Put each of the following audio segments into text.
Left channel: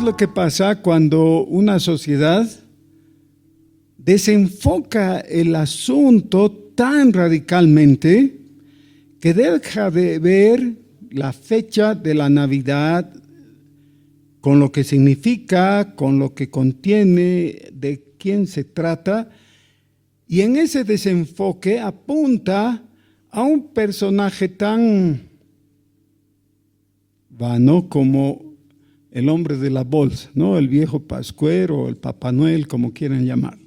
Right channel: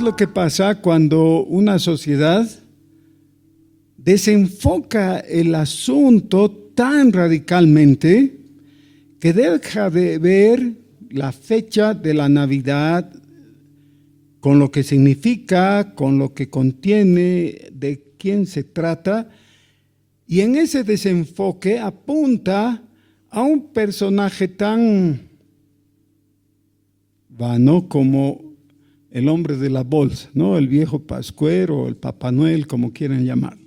es lo que pasa cuando una sociedad desenfoca el asunto tan radicalmente que deja de ver la fecha de la Navidad con lo que significa, con lo que contiene, de quién se trata, y en ese desenfoque apunta a un personaje tan vano como el hombre de la bolsa, ¿no? El viejo Pascuero, el Papá Noel, como quieran llamarlo.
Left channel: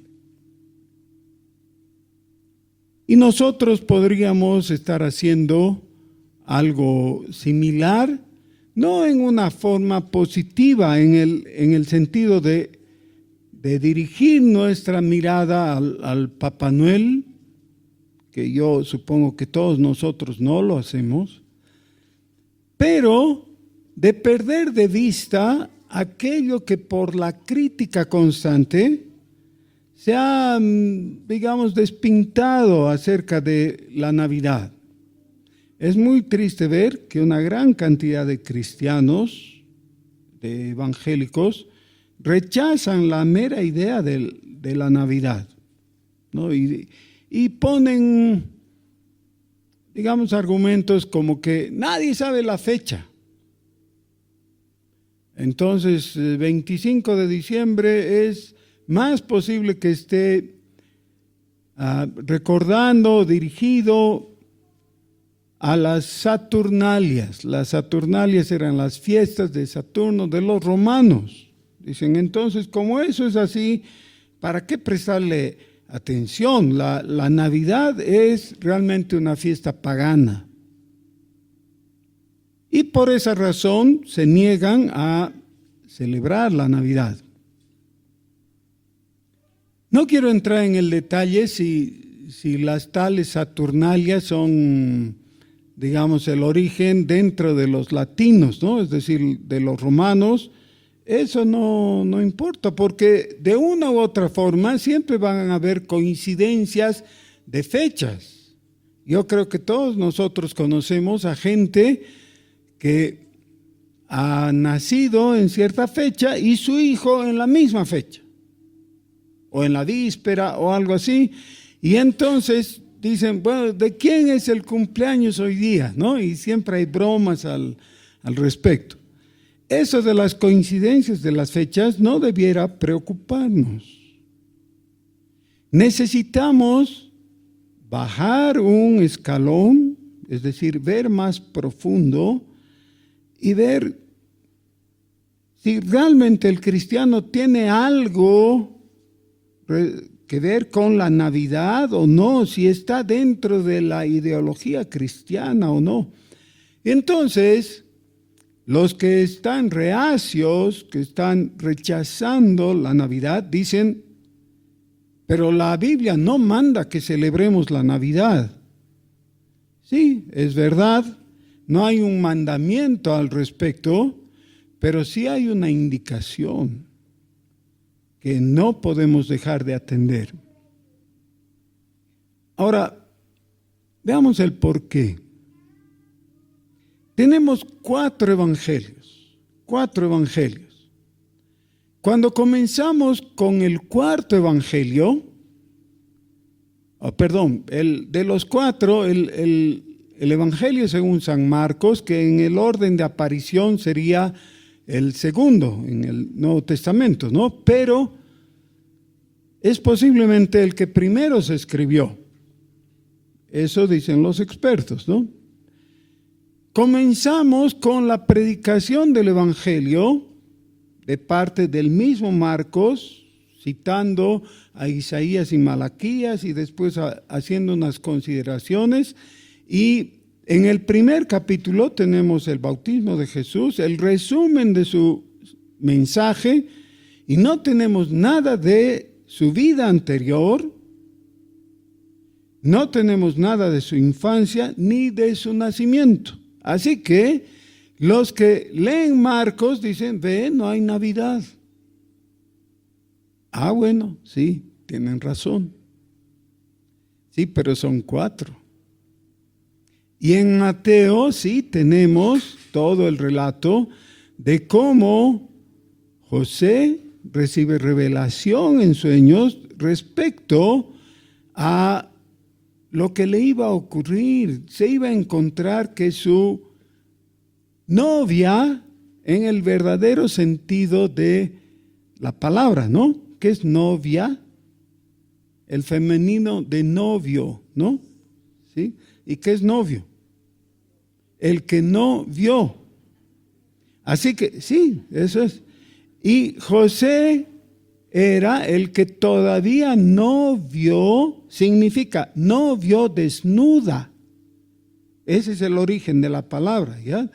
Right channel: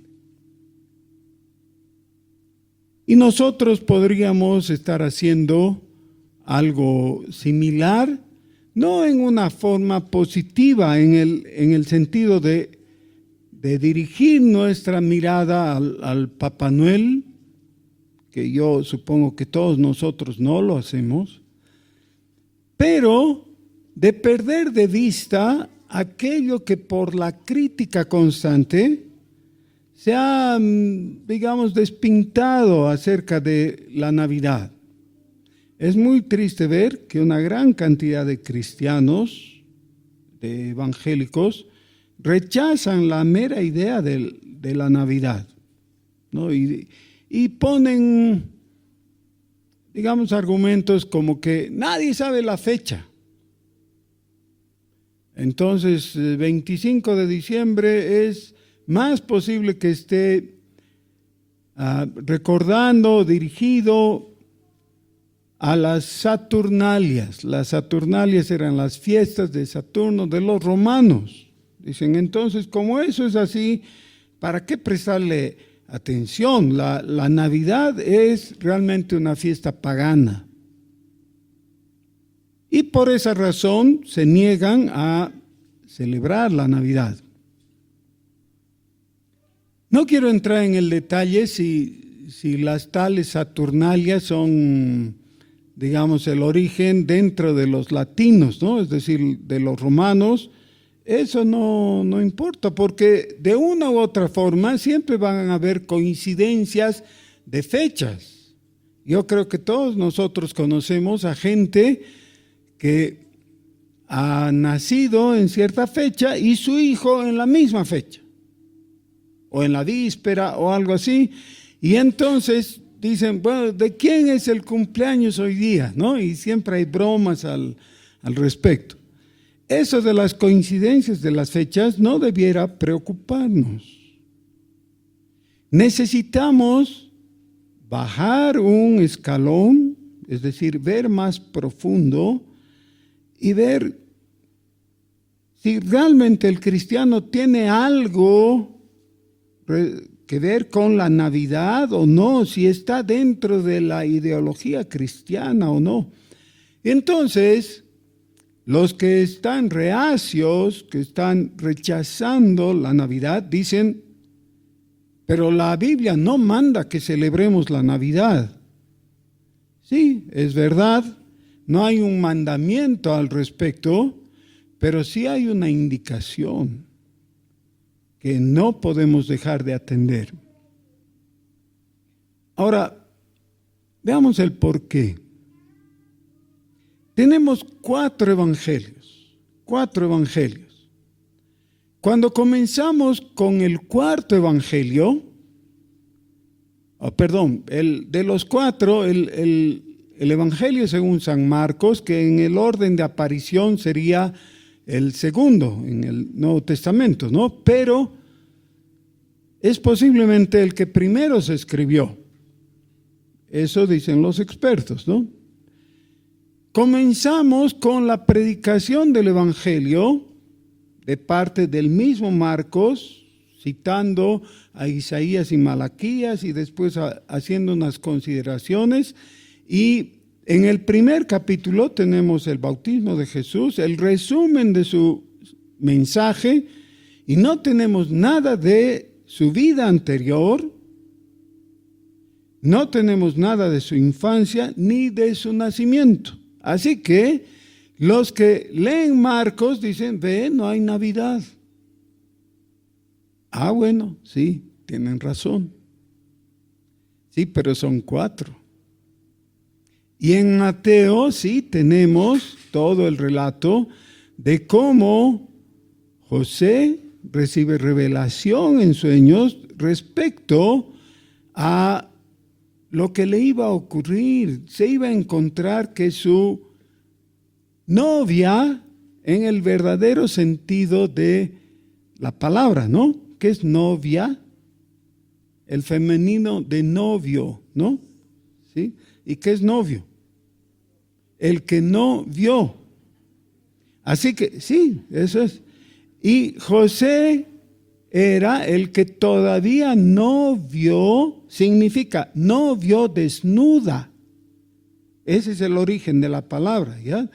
Y nosotros podríamos estar haciendo algo similar, no en una forma positiva, en el sentido de dirigir nuestra mirada al Papá Noel, que yo supongo que todos nosotros no lo hacemos, pero de perder de vista aquello que por la crítica constante se ha, digamos, despintado acerca de la Navidad. Es muy triste ver que una gran cantidad de cristianos, de evangélicos, rechazan la mera idea de la Navidad, ¿no? Y ponen, digamos, argumentos como que nadie sabe la fecha. Entonces, 25 de diciembre es más posible que esté recordando, dirigido a las Saturnalias. Las Saturnalias eran las fiestas de Saturno de los romanos. Dicen, entonces, como eso es así, ¿para qué prestarle atención? La Navidad es realmente una fiesta pagana. Y por esa razón se niegan a celebrar la Navidad. No quiero entrar en el detalle si las tales Saturnalias son, digamos, el origen dentro de los latinos, ¿no? Es decir, de los romanos. Eso no importa, porque de una u otra forma siempre van a haber coincidencias de fechas. Yo creo que todos nosotros conocemos a gente que ha nacido en cierta fecha y su hijo en la misma fecha, o en la víspera o algo así, y entonces dicen, bueno, ¿de quién es el cumpleaños hoy día? ¿No? Y siempre hay bromas al respecto. Eso de las coincidencias de las fechas no debiera preocuparnos. Necesitamos bajar un escalón, es decir, ver más profundo y ver si realmente el cristiano tiene algo que ver con la Navidad o no, si está dentro de la ideología cristiana o no. Entonces, los que están reacios, que están rechazando la Navidad, dicen, pero la Biblia no manda que celebremos la Navidad. Sí, es verdad, no hay un mandamiento al respecto, pero sí hay una indicación que no podemos dejar de atender. Ahora, veamos el porqué. Tenemos cuatro evangelios. Cuando comenzamos con el cuarto evangelio, de los cuatro, el evangelio según San Marcos, que en el orden de aparición sería el segundo en el Nuevo Testamento, ¿no? Pero es posiblemente el que primero se escribió. Eso dicen los expertos, ¿no? Comenzamos con la predicación del Evangelio de parte del mismo Marcos, citando a Isaías y Malaquías y después haciendo unas consideraciones. Y en el primer capítulo tenemos el bautismo de Jesús, el resumen de su mensaje, y no tenemos nada de su vida anterior, no tenemos nada de su infancia ni de su nacimiento. Así que los que leen Marcos dicen, ve, no hay Navidad. Ah, bueno, sí, tienen razón. Sí, pero son cuatro. Y en Mateo sí tenemos todo el relato de cómo José recibe revelación en sueños respecto a lo que le iba a ocurrir. Se iba a encontrar que su novia, en el verdadero sentido de la palabra, ¿no? ¿Qué es novia? El femenino de novio, ¿no? ¿Sí? ¿Y qué es novio? El que no vio. Así que, sí, eso es. Y José era el que todavía no vio, significa no vio desnuda. Ese es el origen de la palabra, ¿ya?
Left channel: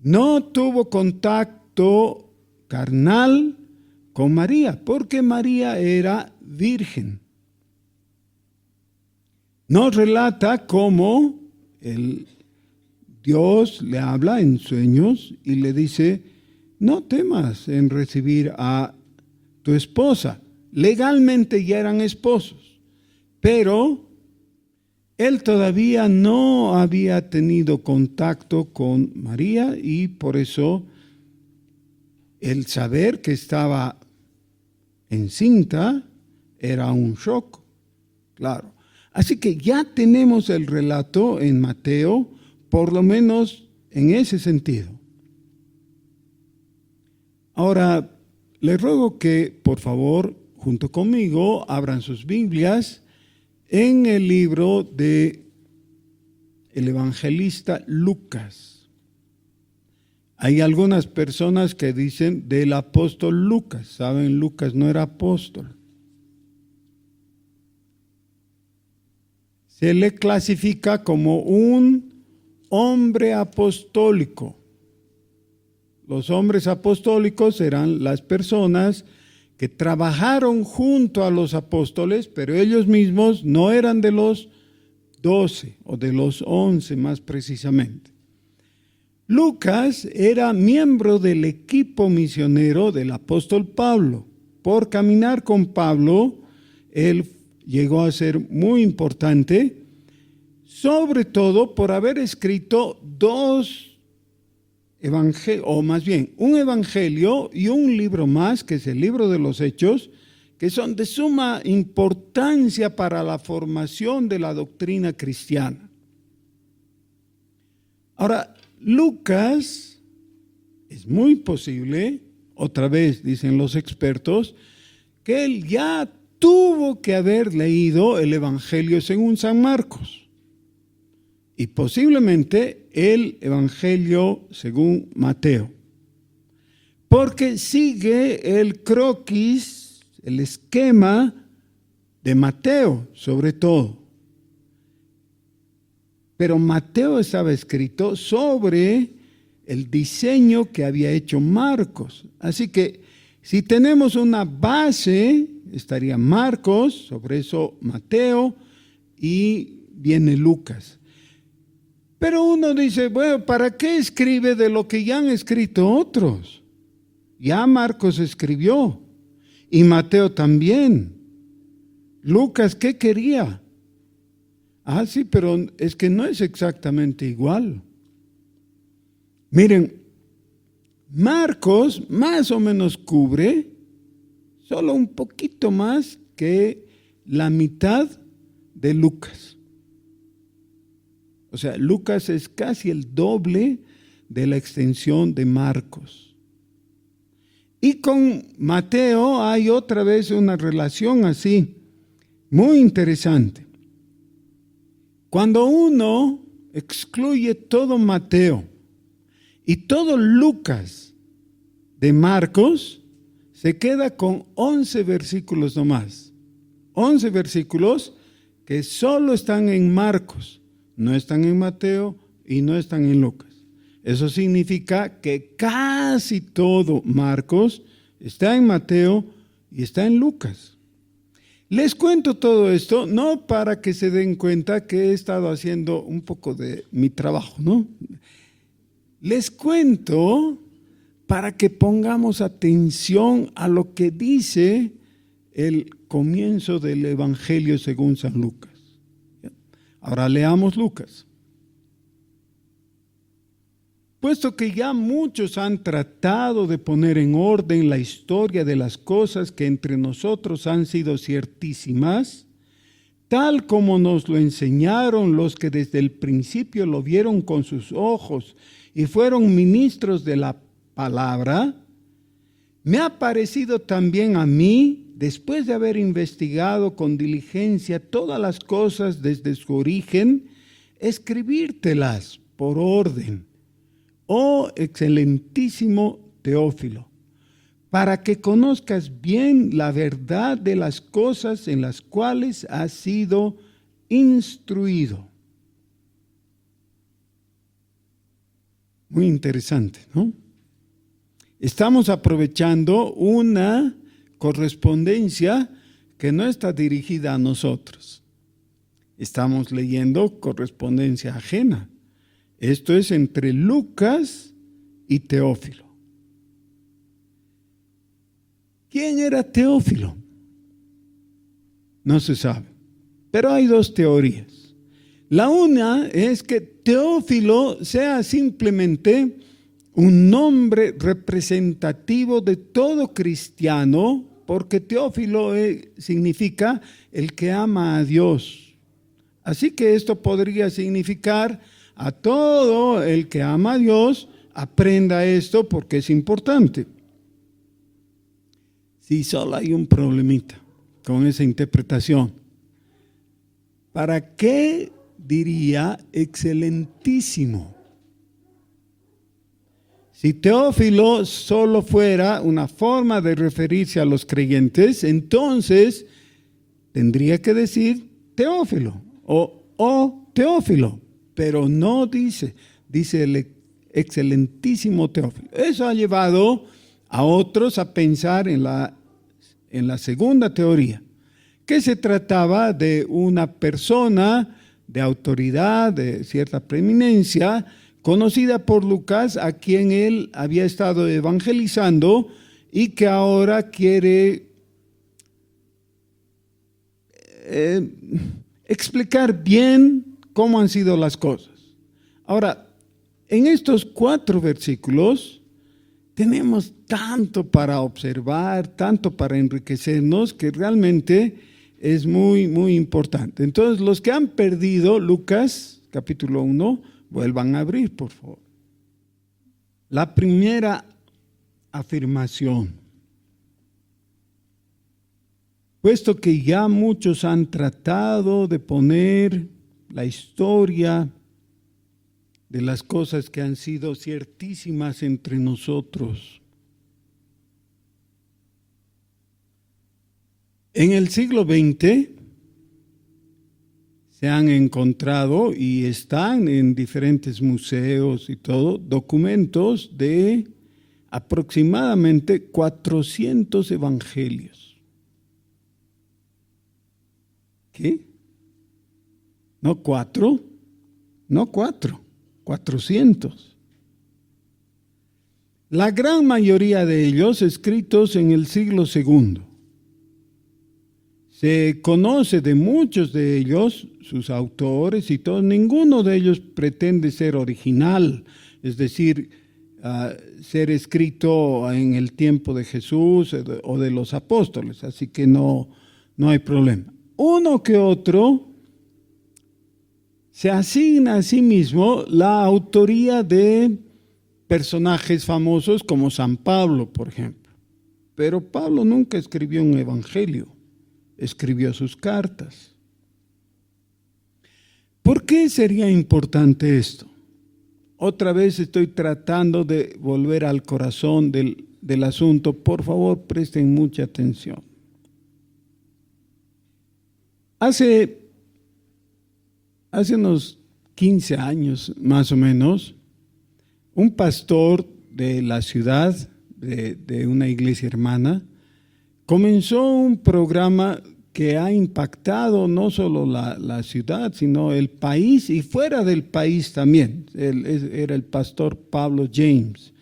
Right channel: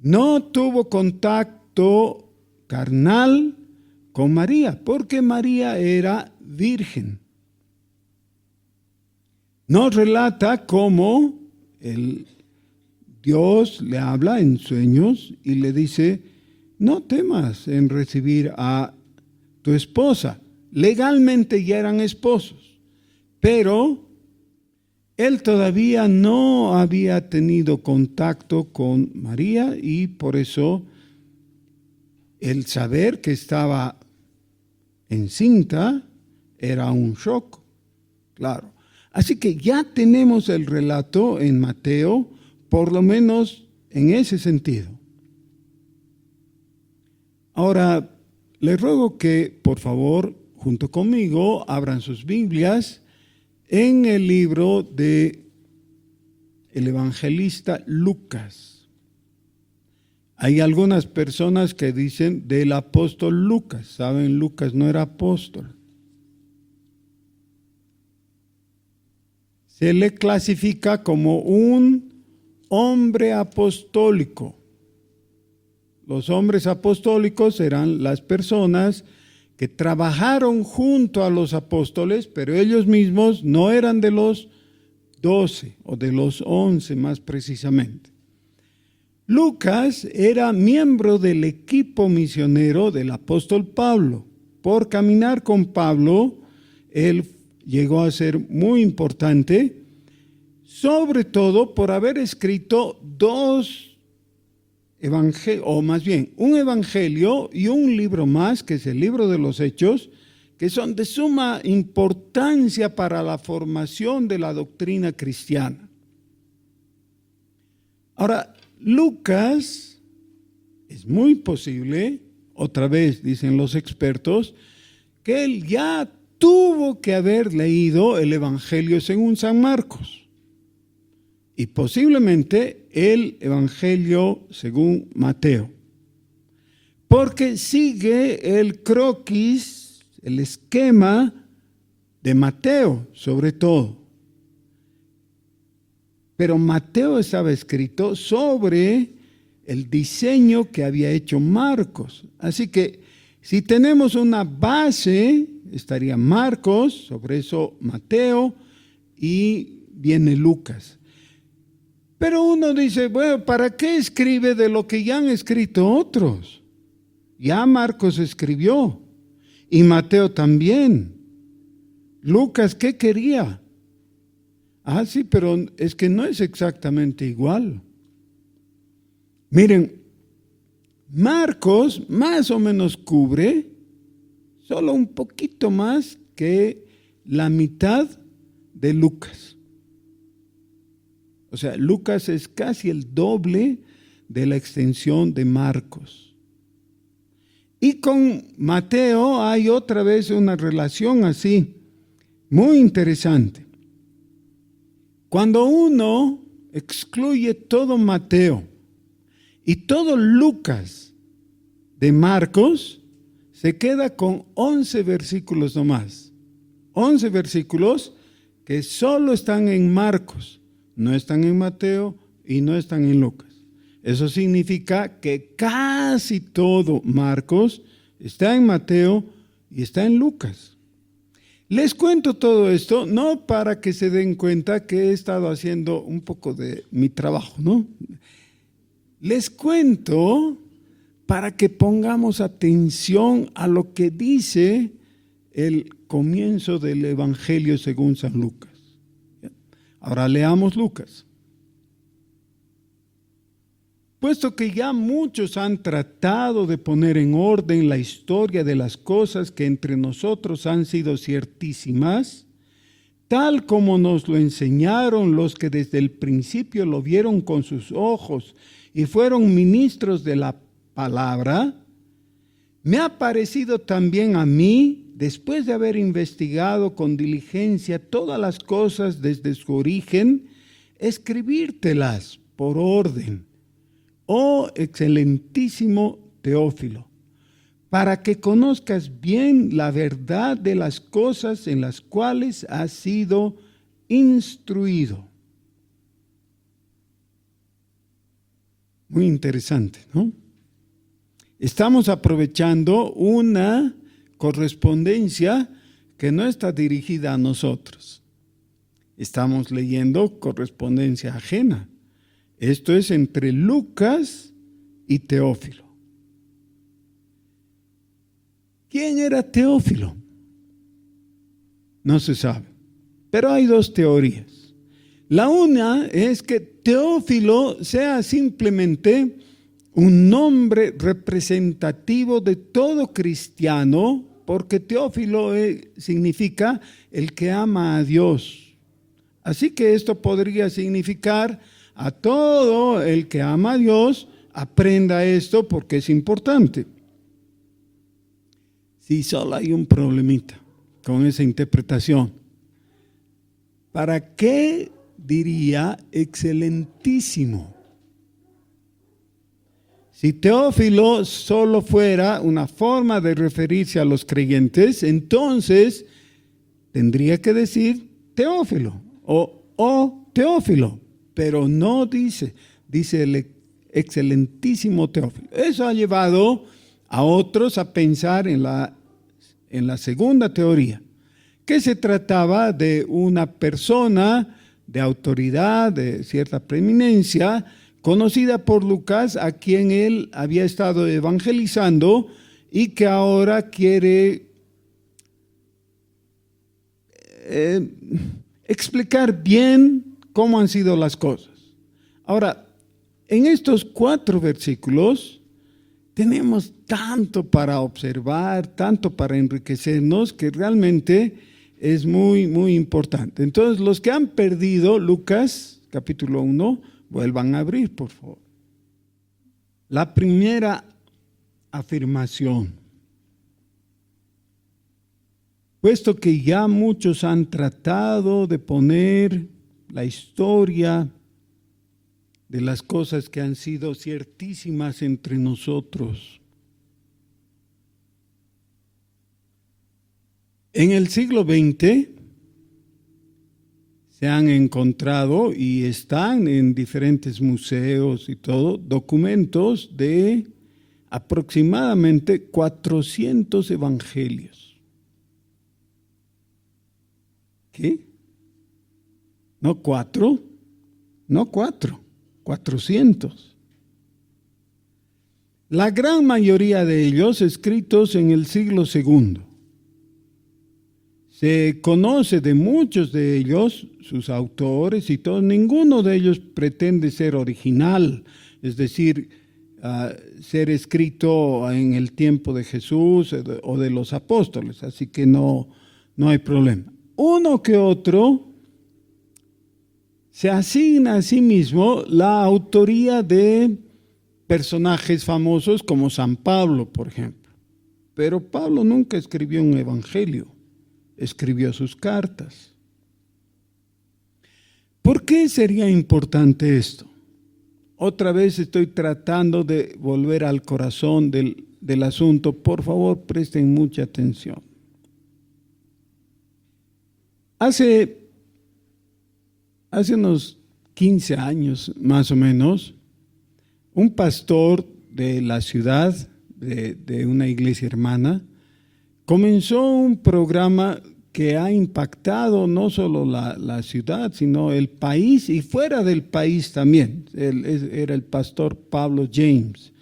No tuvo contacto carnal con María, porque María era virgen. Nos relata cómo Dios le habla en sueños y le dice: no temas en recibir a tu esposa. Legalmente ya eran esposos, pero él todavía no había tenido contacto con María y por eso el saber que estaba encinta era un shock, claro. Así que ya tenemos el relato en Mateo, por lo menos en ese sentido. Ahora, les ruego que, por favor, junto conmigo, abran sus Biblias en el libro de el evangelista Lucas. Hay algunas personas que dicen del apóstol Lucas. Saben, Lucas no era apóstol. Se le clasifica como un hombre apostólico. Los hombres apostólicos eran las personas que trabajaron junto a los apóstoles, pero ellos mismos no eran de los 12 o de los 11 más precisamente. Lucas era miembro del equipo misionero del apóstol Pablo. Por caminar con Pablo, él llegó a ser muy importante, sobre todo por haber escrito dos evangelios, o más bien un evangelio y un libro más, que es el libro de los Hechos, que son de suma importancia para la formación de la doctrina cristiana. Ahora, Lucas, es muy posible, otra vez dicen los expertos, que él ya tuvo que haber leído el Evangelio según San Marcos y posiblemente el Evangelio según Mateo, porque sigue el croquis, el esquema de Mateo sobre todo. Pero Mateo estaba escrito sobre el diseño que había hecho Marcos. Así que si tenemos una base, estaría Marcos, sobre eso Mateo y viene Lucas. Pero uno dice, bueno, ¿para qué escribe de lo que ya han escrito otros? Ya Marcos escribió y Mateo también. Lucas, ¿qué quería? Ah, sí, pero es que no es exactamente igual. Miren, Marcos más o menos cubre solo un poquito más que la mitad de Lucas. O sea, Lucas es casi el doble de la extensión de Marcos. Y con Mateo hay otra vez una relación así, muy interesante. Cuando uno excluye todo Mateo y todo Lucas de Marcos, se queda con 11 versículos nomás. 11 versículos que solo están en Marcos, no están en Mateo y no están en Lucas. Eso significa que casi todo Marcos está en Mateo y está en Lucas. Les cuento todo esto, no para que se den cuenta que he estado haciendo un poco de mi trabajo, ¿no? Les cuento para que pongamos atención a lo que dice el comienzo del Evangelio según San Lucas. Ahora leamos Lucas. puesto que ya muchos han tratado de poner en orden la historia de las cosas que entre nosotros han sido ciertísimas, tal como nos lo enseñaron los que desde el principio lo vieron con sus ojos y fueron ministros de la palabra, me ha parecido también a mí, después de haber investigado con diligencia todas las cosas desde su origen, escribírtelas por orden, oh excelentísimo Teófilo, para que conozcas bien la verdad de las cosas en las cuales has sido instruido. Muy interesante, ¿no? Estamos aprovechando una correspondencia que no está dirigida a nosotros. Estamos leyendo correspondencia ajena. Esto es entre Lucas y Teófilo. ¿Quién era Teófilo? No se sabe, pero hay dos teorías. La una es que Teófilo sea simplemente un nombre representativo de todo cristiano, porque Teófilo significa el que ama a Dios. Así que esto podría significar a todo el que ama a Dios, aprenda esto porque es importante. Sí, solo hay un problemita con esa interpretación. ¿Para qué diría excelentísimo? Si Teófilo solo fuera una forma de referirse a los creyentes, entonces tendría que decir Teófilo o Teófilo, pero no dice el excelentísimo Teófilo. Eso ha llevado a otros a pensar en la segunda teoría, que se trataba de una persona de autoridad, de cierta preeminencia, conocida por Lucas, a quien él había estado evangelizando y que ahora quiere explicar bien cómo han sido las cosas. Ahora, en estos 4 versículos tenemos tanto para observar, tanto para enriquecernos, que realmente es muy, muy importante. Entonces, los que han perdido Lucas, capítulo 1, vuelvan a abrir, por favor. La primera afirmación. Puesto que ya muchos han tratado de poner la historia de las cosas que han sido ciertísimas entre nosotros. En el siglo XX se han encontrado y están en diferentes museos y todo, documentos de aproximadamente 400 evangelios. ¿Qué? No 4, 400. La gran mayoría de ellos escritos en el siglo II. Se conoce de muchos de ellos, sus autores y todo, ninguno de ellos pretende ser original, es decir, ser escrito en el tiempo de Jesús o de los apóstoles, así que no hay problema. Uno que otro se asigna a sí mismo la autoría de personajes famosos como San Pablo, por ejemplo. Pero Pablo nunca escribió un evangelio, escribió sus cartas. ¿Por qué sería importante esto? Otra vez estoy tratando de volver al corazón del asunto. Por favor, presten mucha atención. Hace unos 15 años, más o menos, un pastor de la ciudad, de una iglesia hermana, comenzó un programa que ha impactado no solo la ciudad, sino el país y fuera del país también. Él era el pastor Pablo James.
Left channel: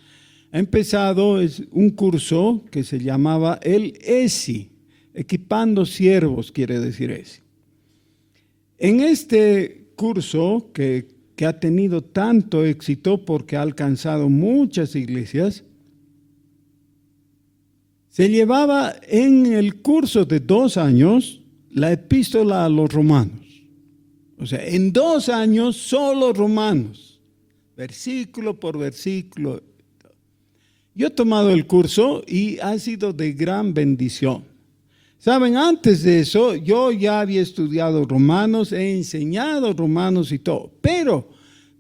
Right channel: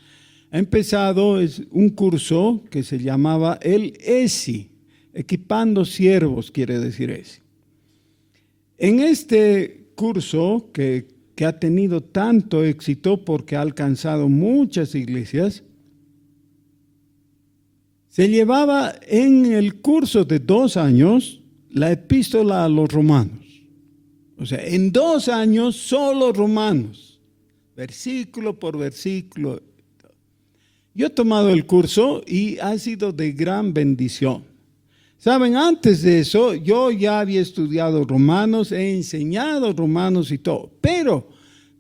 Ha empezado un curso que se llamaba el ESI, Equipando Siervos, quiere decir ESI. En este curso que que ha tenido tanto éxito porque ha alcanzado muchas iglesias, se llevaba en el curso de 2 años la epístola a los romanos. O sea, en 2 años solo romanos, versículo por versículo. Yo he tomado el curso y ha sido de gran bendición. Saben, antes de eso yo ya había estudiado romanos, he enseñado romanos y todo, pero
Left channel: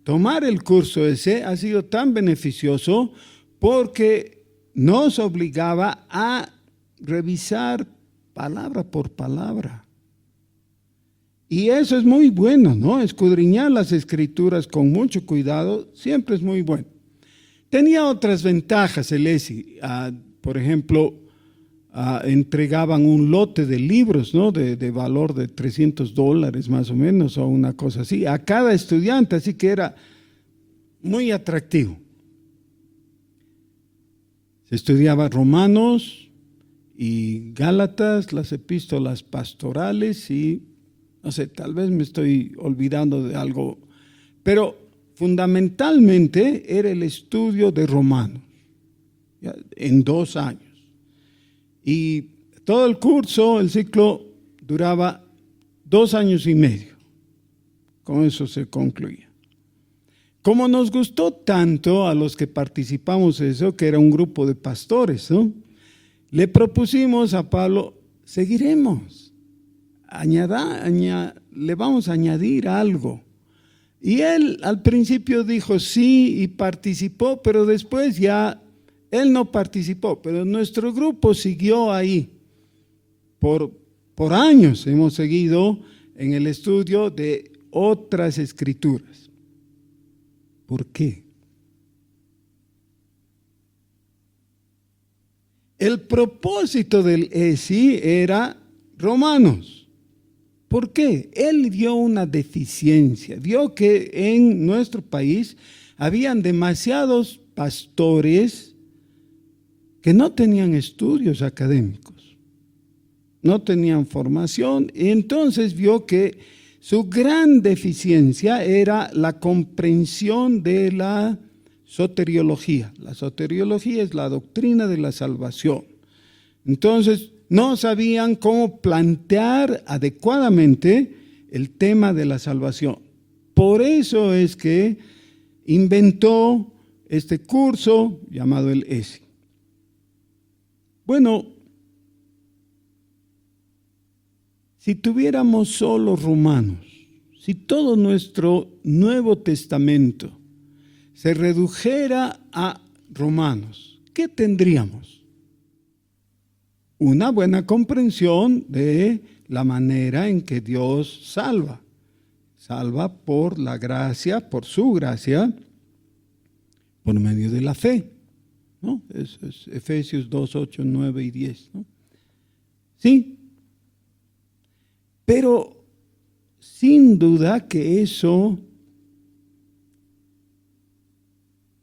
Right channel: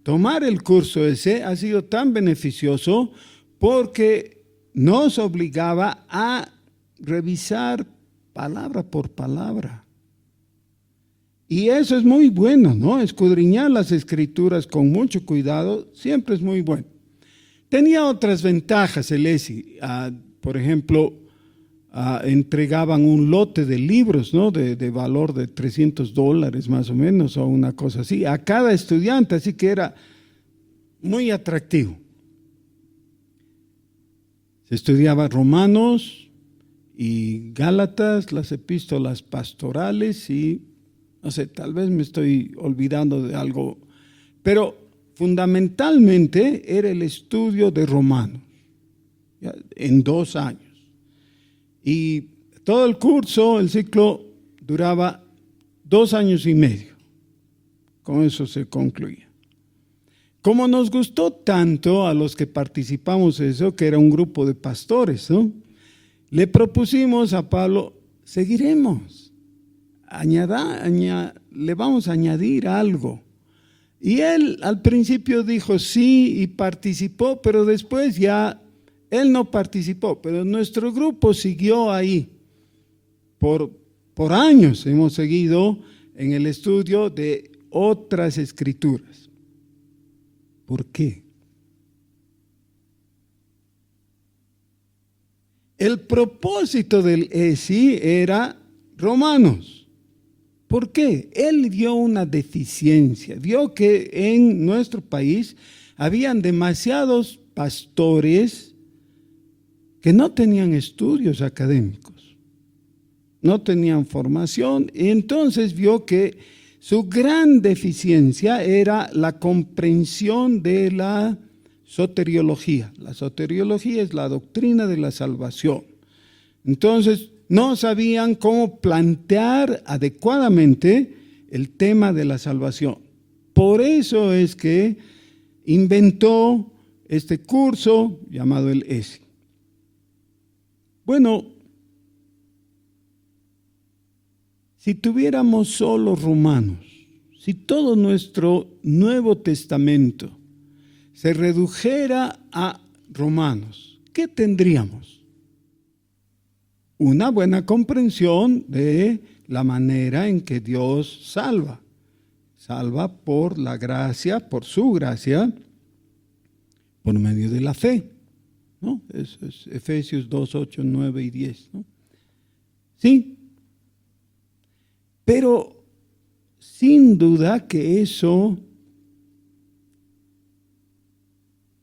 tomar el curso ese ha sido tan beneficioso porque nos obligaba a revisar palabra por palabra. Y eso es muy bueno, ¿no? Escudriñar las escrituras con mucho cuidado siempre es muy bueno. Tenía otras ventajas el ESI. Por ejemplo, entregaban un lote de libros, ¿no? De valor de $300 más o menos, o una cosa así, a cada estudiante, así que era muy atractivo. Se estudiaba Romanos y Gálatas, las epístolas pastorales y, no sé, tal vez me estoy olvidando de algo, pero fundamentalmente era el estudio de Romanos, ¿ya? En 2 años. Y todo el curso, el ciclo, duraba 2 años y medio. Con eso se concluía. Como nos gustó tanto a los que participamos en eso, que era un grupo de pastores, ¿no? Le propusimos a Pablo, seguiremos, le vamos a añadir algo. Y él al principio dijo sí y participó, pero después ya él no participó, pero nuestro grupo siguió ahí. Por años hemos seguido en el estudio de otras escrituras. ¿Por qué? El propósito del ESI era Romanos. ¿Por qué? Él vio una deficiencia, vio que en nuestro país habían demasiados pastores que no tenían estudios académicos, no tenían formación, y entonces vio que su gran deficiencia era la comprensión de la soteriología. La soteriología es la doctrina de la salvación. Entonces, no sabían cómo plantear adecuadamente el tema de la salvación. Por eso es que inventó este curso llamado el ESI. Bueno, si tuviéramos solo Romanos, si todo nuestro Nuevo Testamento se redujera a Romanos, ¿qué tendríamos? Una buena comprensión de la manera en que Dios salva. Salva por la gracia, por su gracia, por medio de la fe, ¿no? Eso es Efesios 2, 8, 9 y 10, ¿no? Sí. Pero sin duda que eso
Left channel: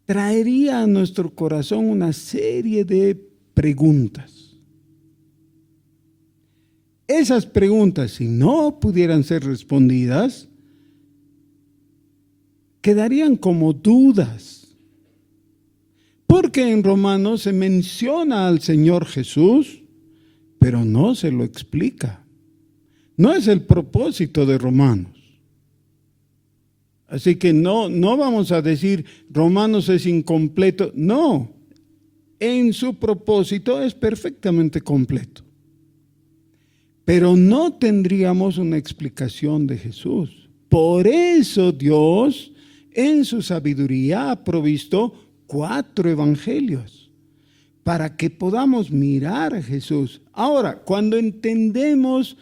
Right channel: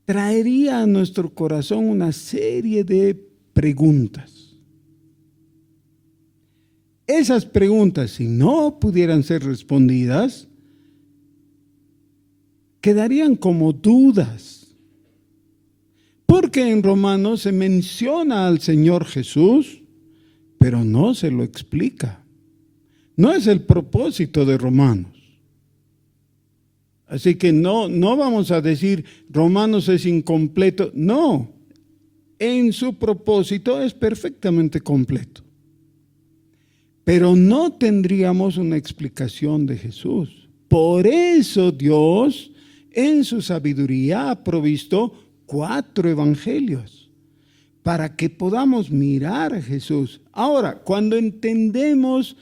traería a nuestro corazón una serie de preguntas. Esas preguntas, si no pudieran ser respondidas, quedarían como dudas. Porque en Romanos se menciona al Señor Jesús, pero no se lo explica. No es el propósito de Romanos. Así que no vamos a decir Romanos es incompleto. No, en su propósito es perfectamente completo. Pero no tendríamos una explicación de Jesús. Por eso Dios en su sabiduría ha provisto 4 evangelios para que podamos mirar a Jesús. Ahora, cuando entendemos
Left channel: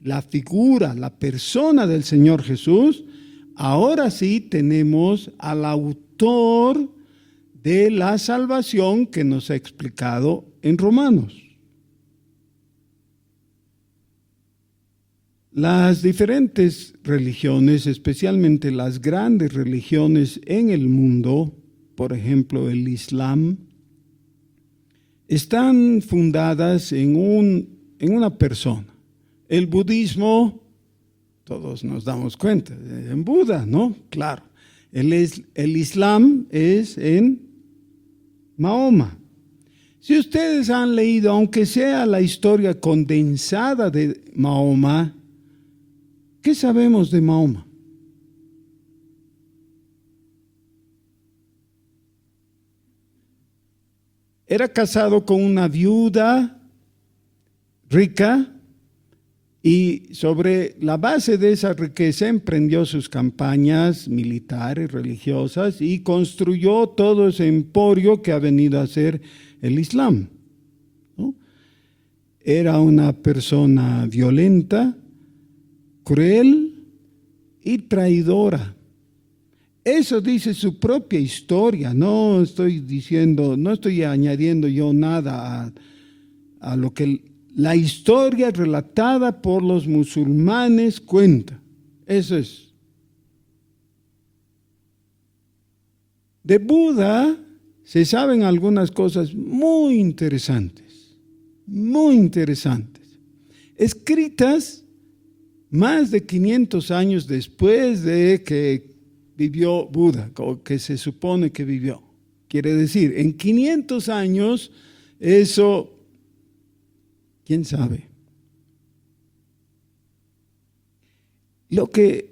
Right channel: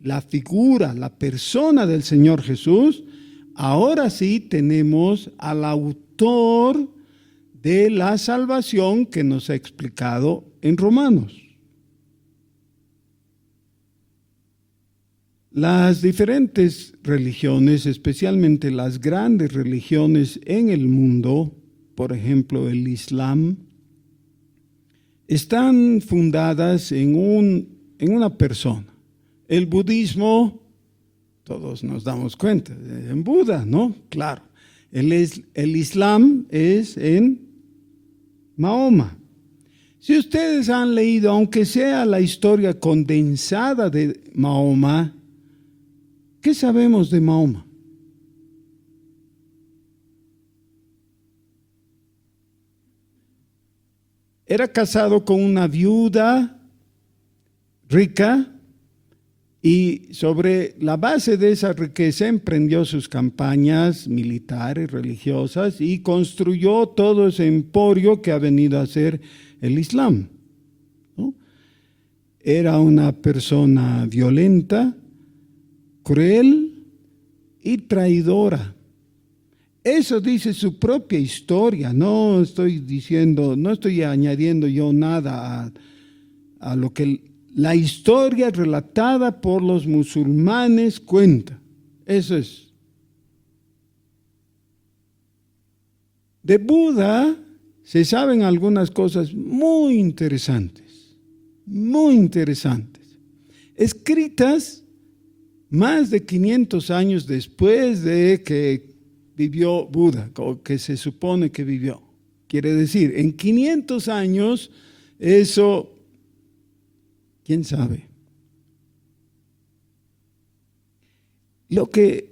la figura, la persona del Señor Jesús, ahora sí tenemos al autor de la salvación que nos ha explicado en Romanos. Las diferentes religiones, especialmente las grandes religiones en el mundo, por ejemplo el Islam, están fundadas en una persona. El budismo, todos nos damos cuenta, en Buda, ¿no? Claro. El Islam es en Mahoma. Si ustedes han leído, aunque sea la historia condensada de Mahoma, ¿qué sabemos de Mahoma? Era casado con una viuda rica y sobre la base de esa riqueza emprendió sus campañas militares, religiosas y construyó todo ese emporio que ha venido a ser el Islam, ¿no? Era una persona violenta, cruel y traidora. Eso dice su propia historia. No estoy diciendo, no estoy añadiendo yo nada a lo que la historia relatada por los musulmanes cuenta. Eso es. De Buda se saben algunas cosas muy interesantes, escritas más de 500 años después de que vivió Buda, o que se supone que vivió. Quiere decir, en 500 años, eso, ¿quién sabe? Lo que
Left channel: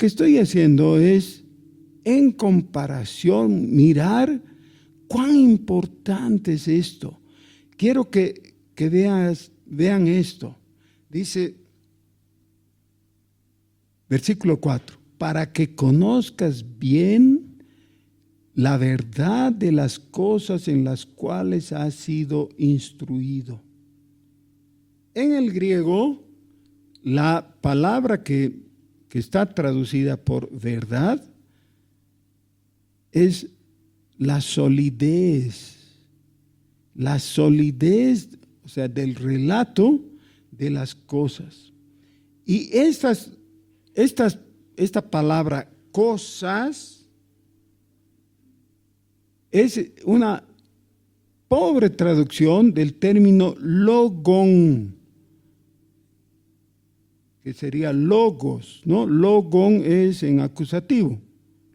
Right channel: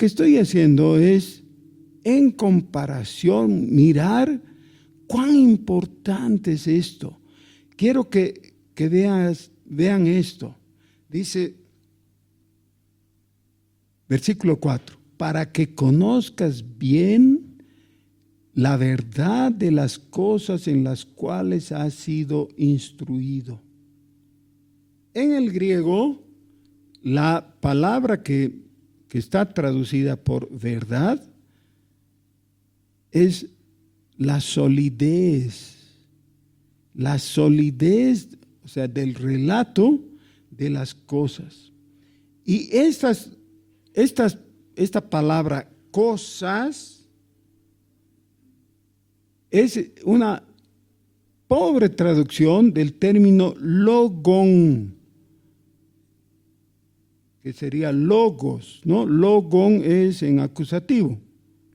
estoy haciendo es, en comparación, mirar cuán importante es esto. Quiero que vean esto. Dice, versículo 4, para que conozcas bien la verdad de las cosas en las cuales has sido instruido. En el griego, la palabra que está traducida por verdad es la solidez, o sea, del relato de las cosas. Y esta palabra cosas es una pobre traducción del término logón, que sería logos, ¿no? Logón es en acusativo,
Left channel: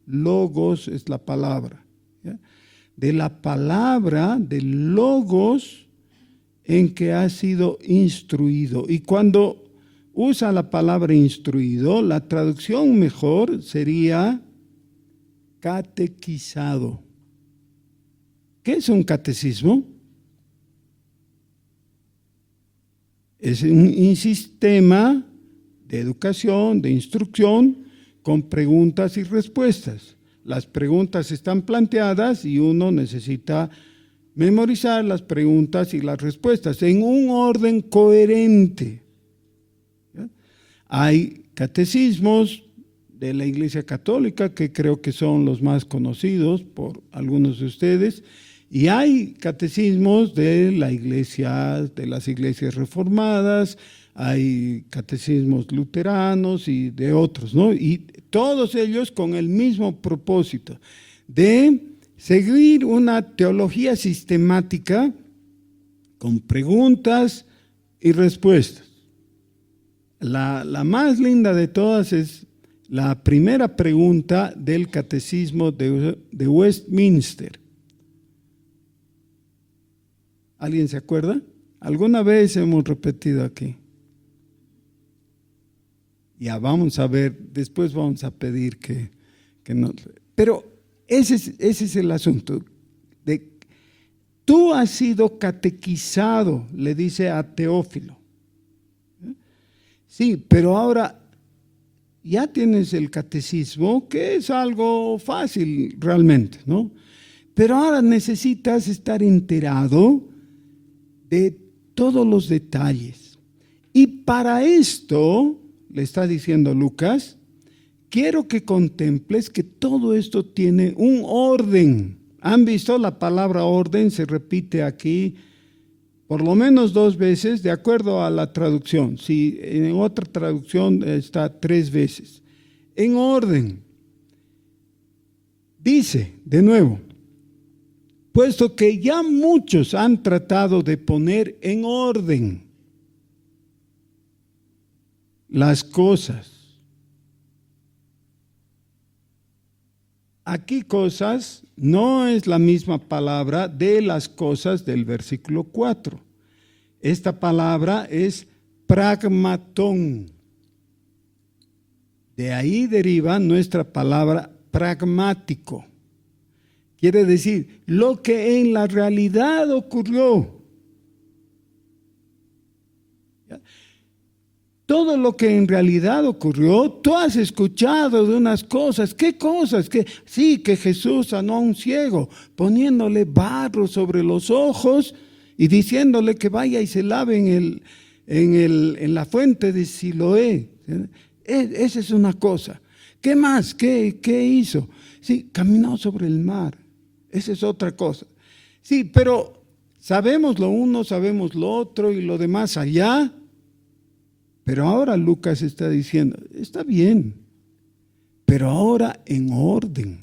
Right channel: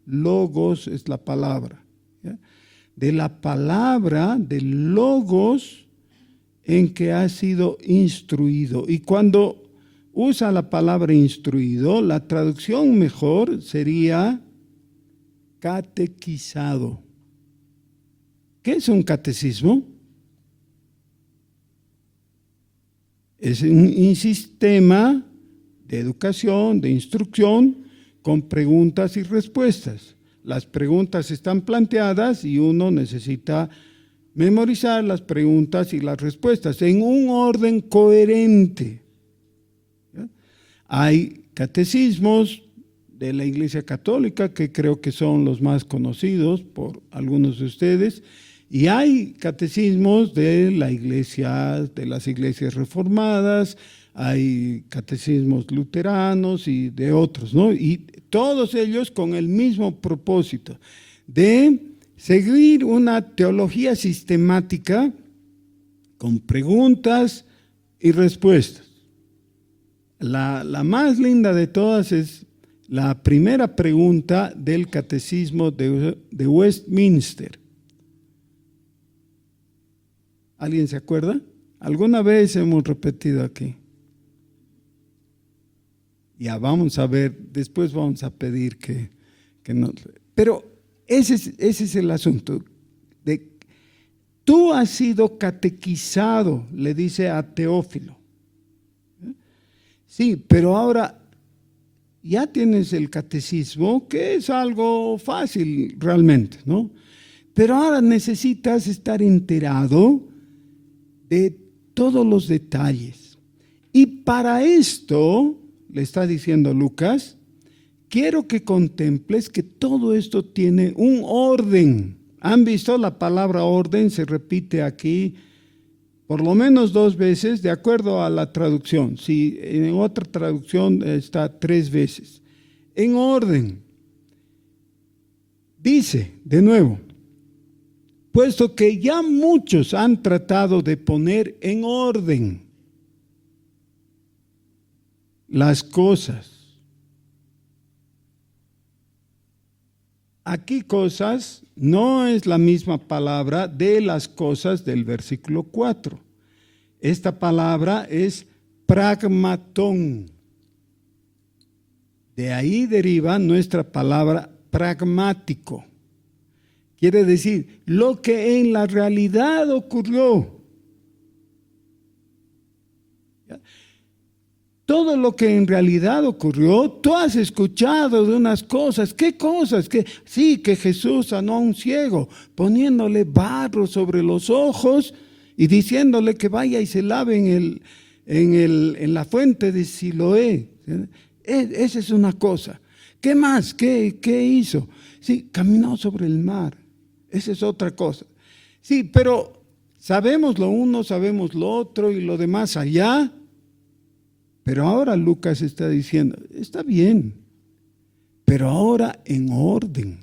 logos es la palabra, ¿ya? De la palabra de logos en que ha sido instruido. Y cuando usa la palabra instruido, la traducción mejor sería catequizado. ¿Qué es un catecismo? Es un sistema de educación, de instrucción, con preguntas y respuestas. Las preguntas están planteadas y uno necesita memorizar las preguntas y las respuestas en un orden coherente. ¿Ya? Hay catecismos de la Iglesia Católica, que creo que son los más conocidos por algunos de ustedes, y hay catecismos de la Iglesia, de las iglesias reformadas, hay catecismos luteranos y de otros, ¿no? Y todos ellos con el mismo propósito de seguir una teología sistemática con preguntas y respuestas. La más linda de todas es la primera pregunta del catecismo de Westminster. ¿Alguien se acuerda? Alguna vez hemos repetido aquí. Ya vamos a ver, después vamos a pedir que nos... Pero ese es el asunto. Tú has sido catequizado, le dice a Teófilo. Sí, pero ahora ya tienes el catecismo, que es algo fácil realmente, ¿no? Pero ahora necesitas estar enterado de todos los detalles. Y para esto, le está diciendo Lucas, quiero que contemples que todo esto tiene un orden. ¿Han visto? La palabra orden se repite aquí por lo menos 2 veces, de acuerdo a la traducción. Si en otra traducción está 3 veces. En orden. Dice, de nuevo, puesto que ya muchos han tratado de poner en orden las cosas, Aquí cosas no es la misma palabra de las cosas del versículo 4. Esta palabra es pragmatón. De ahí deriva nuestra palabra pragmático. Quiere decir, lo que en la realidad ocurrió. Todo lo que en realidad ocurrió, tú has escuchado de unas cosas. ¿Qué cosas? Sí, que Jesús sanó a un ciego, poniéndole barro sobre los ojos y diciéndole que vaya y se lave en la fuente de Siloé. Esa es una cosa. ¿Qué más? ¿Qué hizo? Sí, caminó sobre el mar. Esa es otra cosa. Sí, pero sabemos lo uno, sabemos lo otro y lo demás allá. Pero ahora Lucas está diciendo, está bien, pero ahora en orden.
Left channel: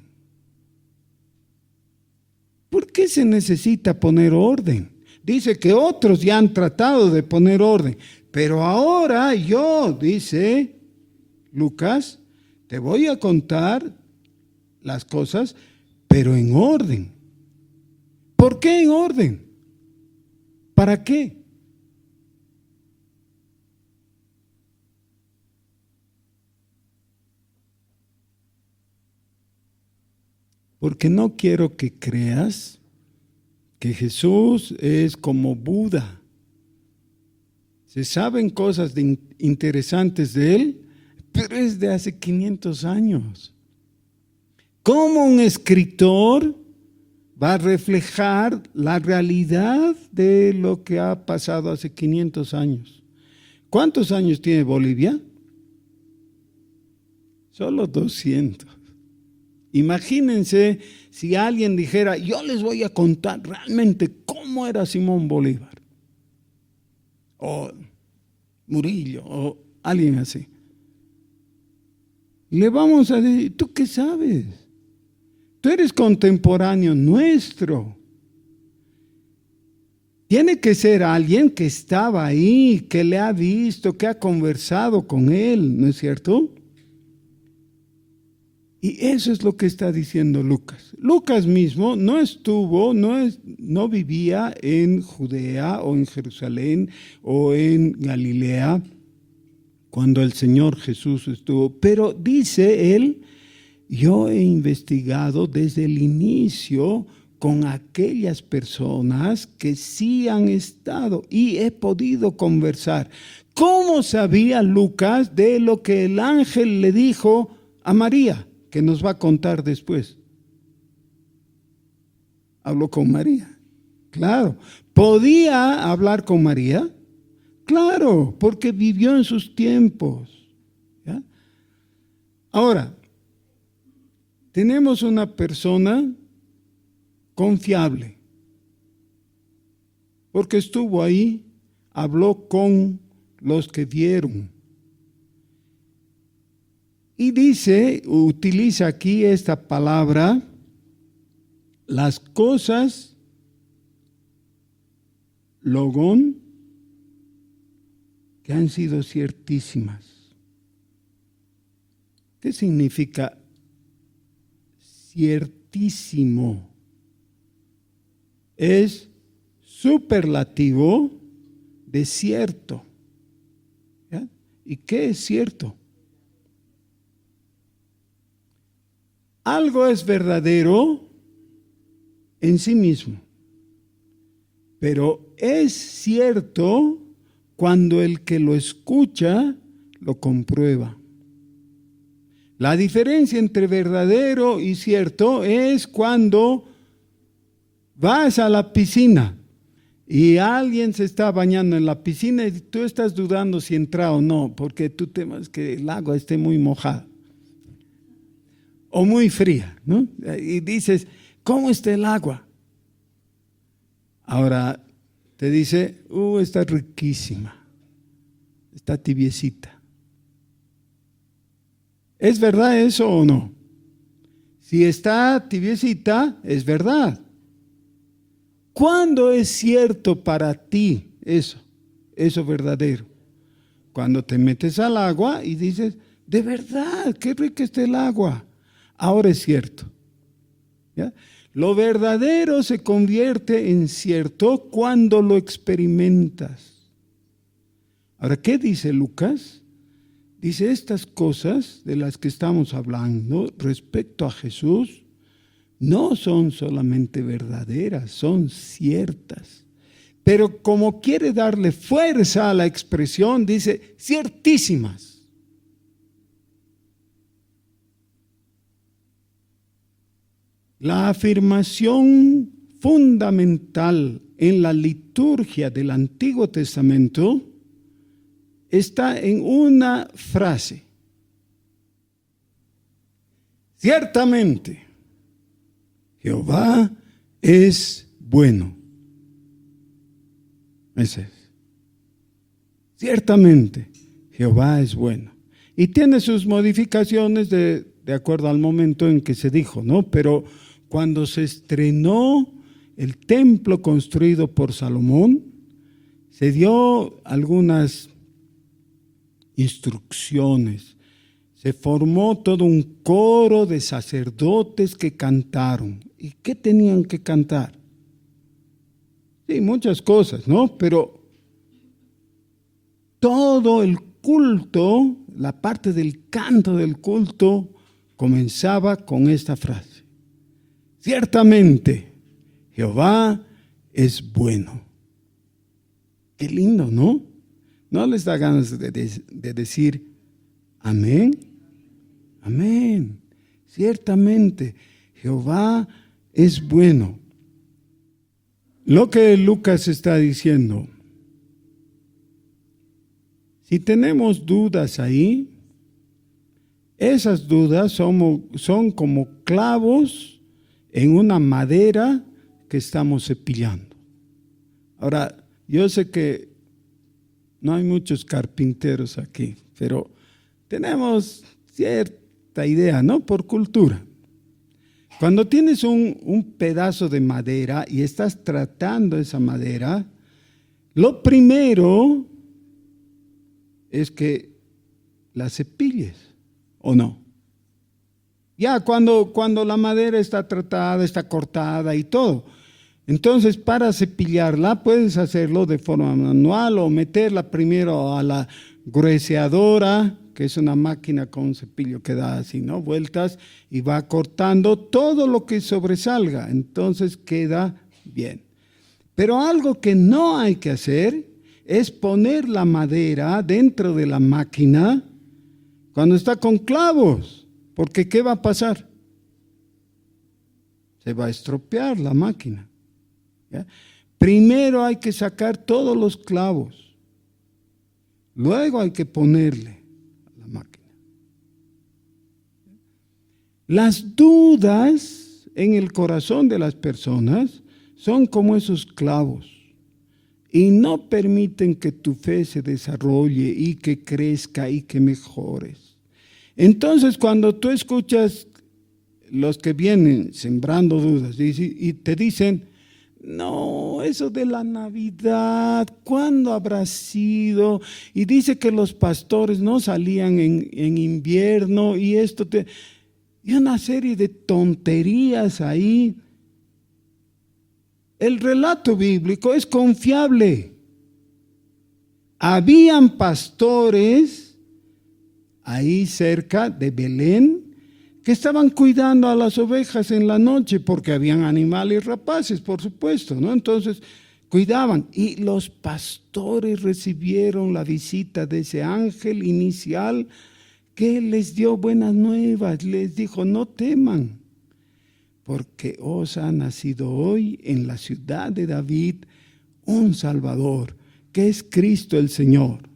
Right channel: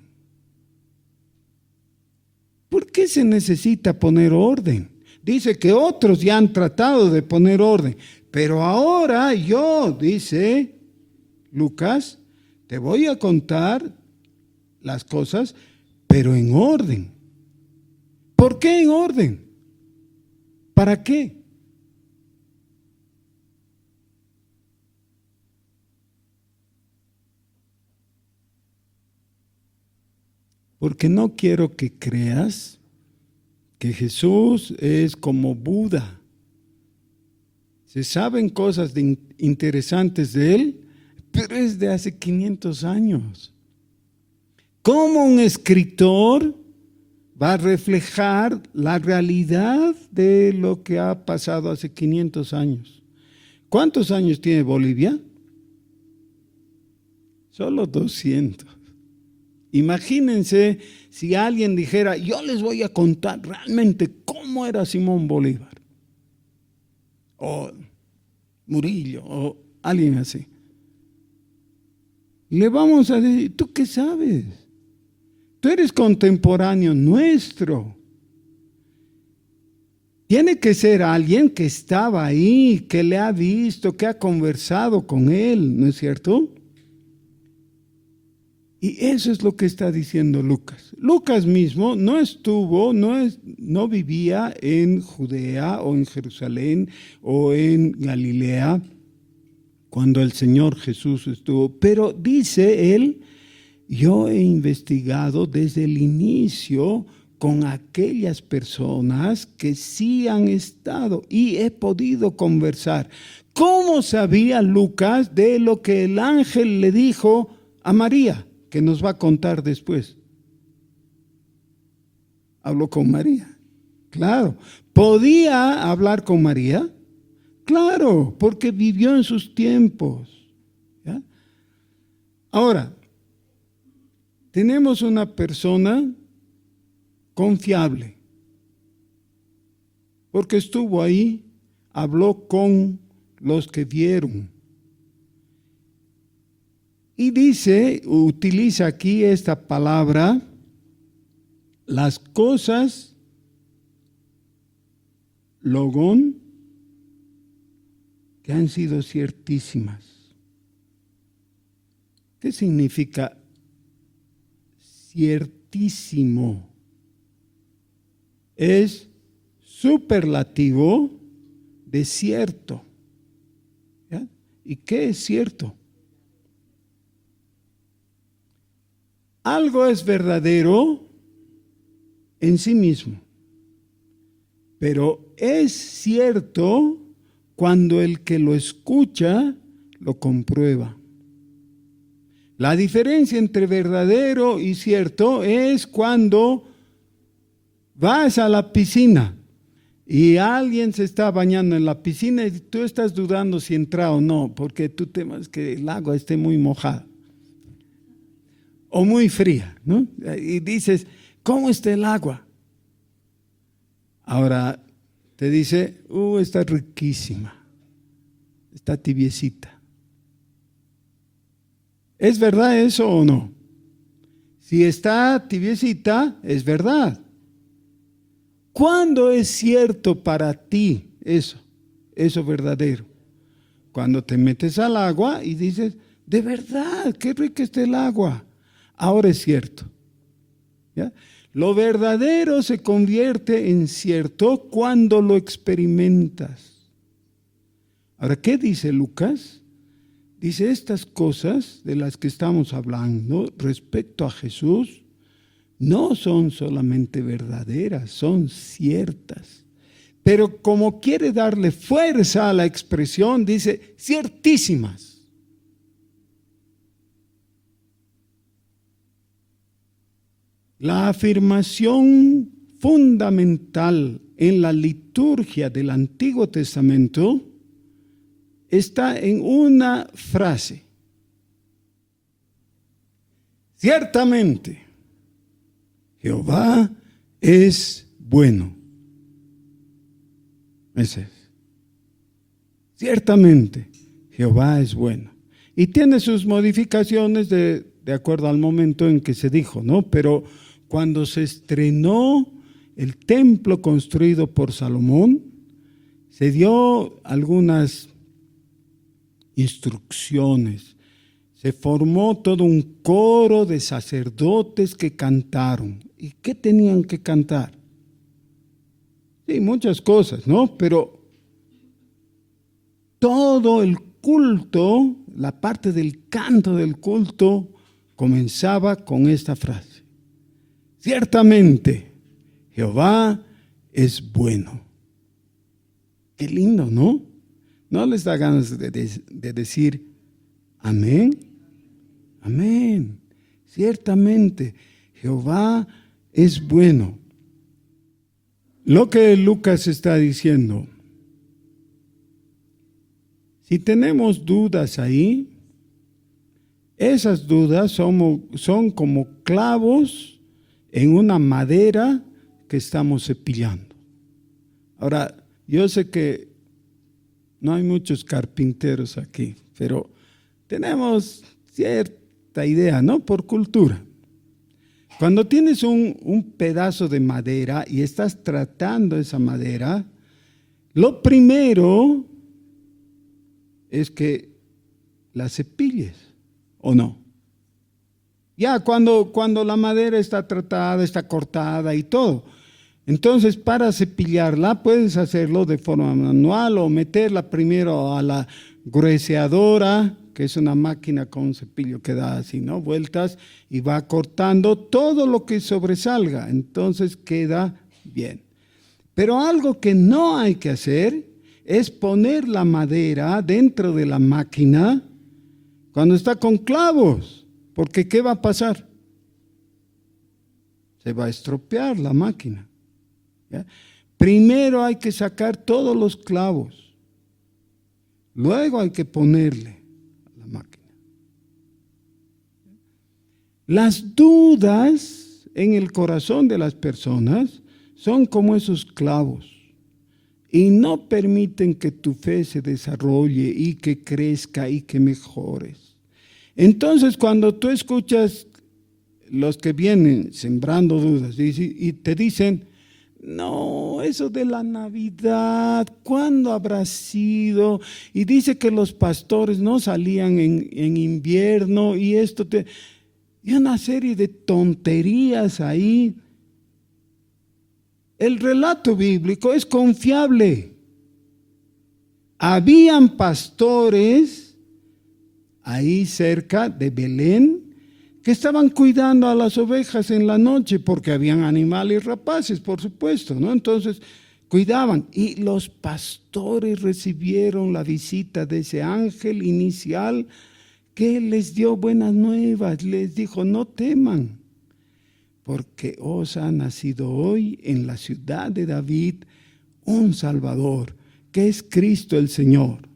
¿Por qué se necesita poner orden? Dice que otros ya han tratado de poner orden, pero ahora yo, dice Lucas, te voy a contar las cosas, pero en orden. ¿Por qué en orden? ¿Para qué? Porque no quiero que creas que Jesús es como Buda. Se saben cosas interesantes de él, pero es de hace 500 años. ¿Cómo un escritor va a reflejar la realidad de lo que ha pasado hace 500 años? ¿Cuántos años tiene Bolivia? Solo 200. Imagínense si alguien dijera, yo les voy a contar realmente cómo era Simón Bolívar, o Murillo, o alguien así. Le vamos a decir, ¿tú qué sabes? Tú eres contemporáneo nuestro. Tiene que ser alguien que estaba ahí, que le ha visto, que ha conversado con él, ¿no es cierto? Y eso es lo que está diciendo Lucas. Lucas mismo no vivía en Judea o en Jerusalén o en Galilea cuando el Señor Jesús estuvo. Pero dice él, yo he investigado desde el inicio con aquellas personas que sí han estado y he podido conversar. ¿Cómo sabía Lucas de lo que el ángel le dijo a María? Que nos va a contar después. Habló con María. Claro. ¿Podía hablar con María? Claro, porque vivió en sus tiempos. ¿Ya? Ahora, tenemos una persona confiable, porque estuvo ahí, habló con los que vieron. Y dice, utiliza aquí esta palabra, las cosas, logón, que han sido ciertísimas. ¿Qué significa ciertísimo? Es superlativo de cierto. ¿Ya? ¿Y qué es cierto? Algo es verdadero en sí mismo, pero es cierto cuando el que lo escucha lo comprueba. La diferencia entre verdadero y cierto es cuando vas a la piscina y alguien se está bañando en la piscina y tú estás dudando si entra o no, porque tú temes que el agua esté muy mojada o muy fría, ¿no? Y dices, ¿cómo está el agua? Ahora te dice, está riquísima, está tibiecita. ¿Es verdad eso o no? Si está tibiecita, es verdad. ¿Cuándo es cierto para ti eso verdadero? Cuando te metes al agua y dices, de verdad, qué rica está el agua. Ahora es cierto. ¿ya? Lo verdadero se convierte en cierto cuando lo experimentas. Ahora, ¿qué dice Lucas? Dice, estas cosas de las que estamos hablando respecto a Jesús no son solamente verdaderas, son ciertas. Pero como quiere darle fuerza a la expresión, dice, ciertísimas. La afirmación fundamental en la liturgia del Antiguo Testamento está en una frase. Ciertamente, Jehová es bueno. Ese es. Ciertamente, Jehová es bueno. Y tiene sus modificaciones de acuerdo al momento en que se dijo, ¿no? Pero cuando se estrenó el templo construido por Salomón, se dio algunas instrucciones. Se formó todo un coro de sacerdotes que cantaron. ¿Y qué tenían que cantar? Sí, muchas cosas, ¿no? Pero todo el culto, la parte del canto del culto, comenzaba con esta frase. Ciertamente, Jehová es bueno. Qué lindo, ¿no? ¿No les da ganas de decir amén? Amén. Ciertamente, Jehová es bueno. Lo que Lucas está diciendo, si tenemos dudas ahí, esas dudas son como clavos en una madera que estamos cepillando. Ahora, yo sé que no hay muchos carpinteros aquí, pero tenemos cierta idea, ¿no? Por cultura. Cuando tienes un pedazo de madera y estás tratando esa madera, lo primero es que la cepilles, ¿o no? Ya cuando la madera está tratada, está cortada y todo. Entonces, para cepillarla, puedes hacerlo de forma manual o meterla primero a la grueseadora, que es una máquina con un cepillo que da así, ¿no? Vueltas y va cortando todo lo que sobresalga. Entonces queda bien. Pero algo que no hay que hacer es poner la madera dentro de la máquina cuando está con clavos. Porque ¿qué va a pasar? Se va a estropear la máquina. ¿Ya? Primero hay que sacar todos los clavos. Luego hay que ponerle a la máquina. Las dudas en el corazón de las personas son como esos clavos y no permiten que tu fe se desarrolle y que crezca y que mejores. Entonces, cuando tú escuchas los que vienen sembrando dudas y te dicen, no, eso de la Navidad, ¿cuándo habrá sido? Y dice que los pastores no salían en invierno y y una serie de tonterías ahí. El relato bíblico es confiable. Habían pastores ahí cerca de Belén que estaban cuidando a las ovejas en la noche porque habían animales rapaces, por supuesto, ¿no? Entonces cuidaban y los pastores recibieron la visita de ese ángel inicial que les dio buenas nuevas, les dijo, no teman, porque os ha nacido hoy en la ciudad de David un Salvador, que es Cristo el Señor.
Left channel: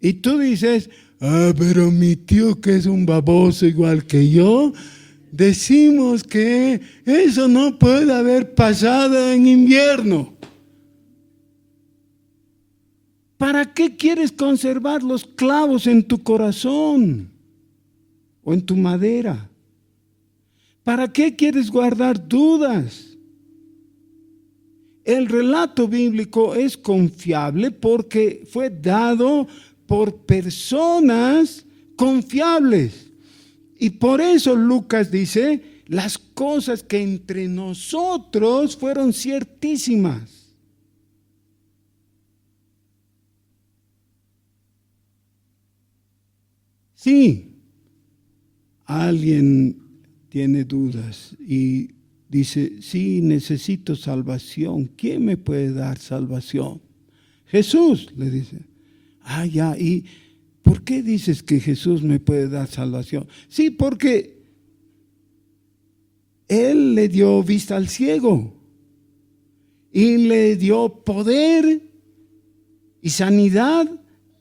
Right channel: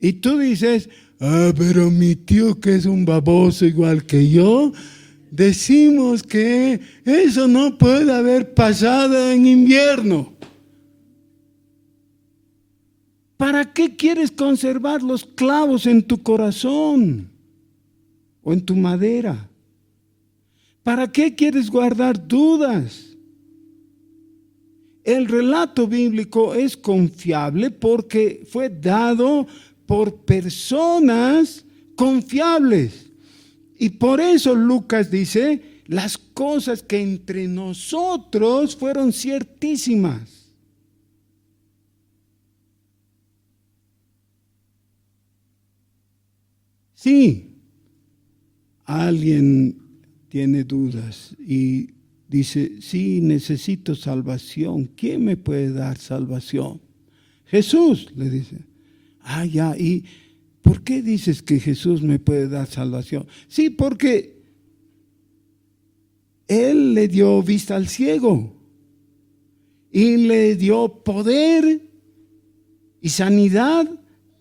Y tú dices, pero mi tío que es un baboso igual que yo, decimos que eso no puede haber pasado en invierno. ¿Para qué quieres conservar los clavos en tu corazón o en tu madera? ¿Para qué quieres guardar dudas? El relato bíblico es confiable porque fue dado por personas confiables. Y por eso Lucas dice, las cosas que entre nosotros fueron ciertísimas. Sí, alguien tiene dudas y dice, sí, necesito salvación. ¿Quién me puede dar salvación? Jesús, le dice. Ah, ya, ¿y por qué dices que Jesús me puede dar salvación? Sí, porque Él le dio vista al ciego y le dio poder y sanidad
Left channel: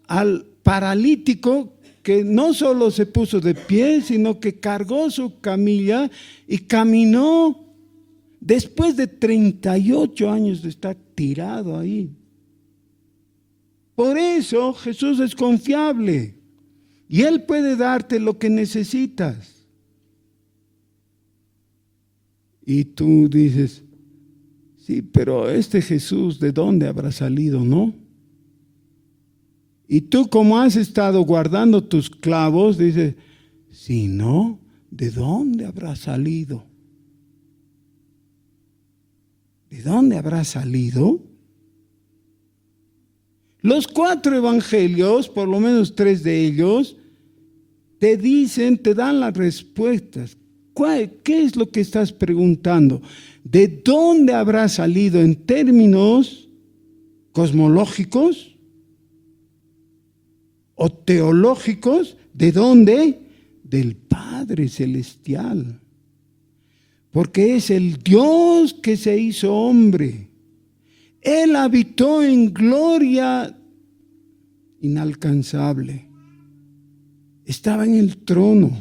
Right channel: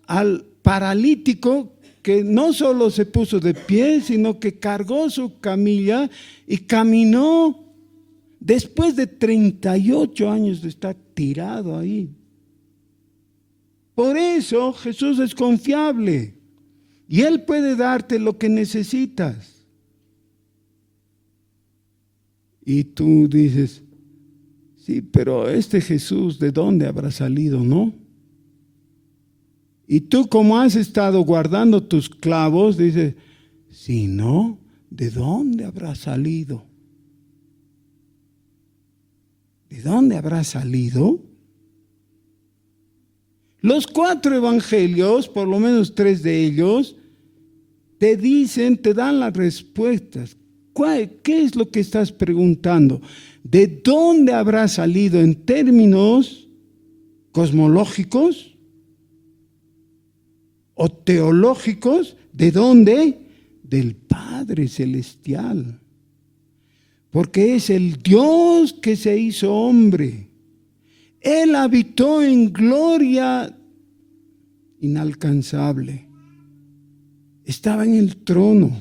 al paralítico que no solo se puso de pie, sino que cargó su camilla y caminó después de 38 años de estar tirado ahí. Por eso Jesús es confiable y Él puede darte lo que necesitas. Y tú dices, sí, pero este Jesús, ¿de dónde habrá salido, no? Y tú, como has estado guardando tus clavos, dices, si no, ¿de dónde habrá salido? ¿De dónde habrá salido? Los 4 evangelios, por lo menos 3 de ellos, te dicen, te dan las respuestas. ¿Qué es lo que estás preguntando? ¿De dónde habrá salido en términos cosmológicos o teológicos? ¿De dónde? Del Padre Celestial. Porque es el Dios que se hizo hombre. Él habitó en gloria inalcanzable. Estaba en el trono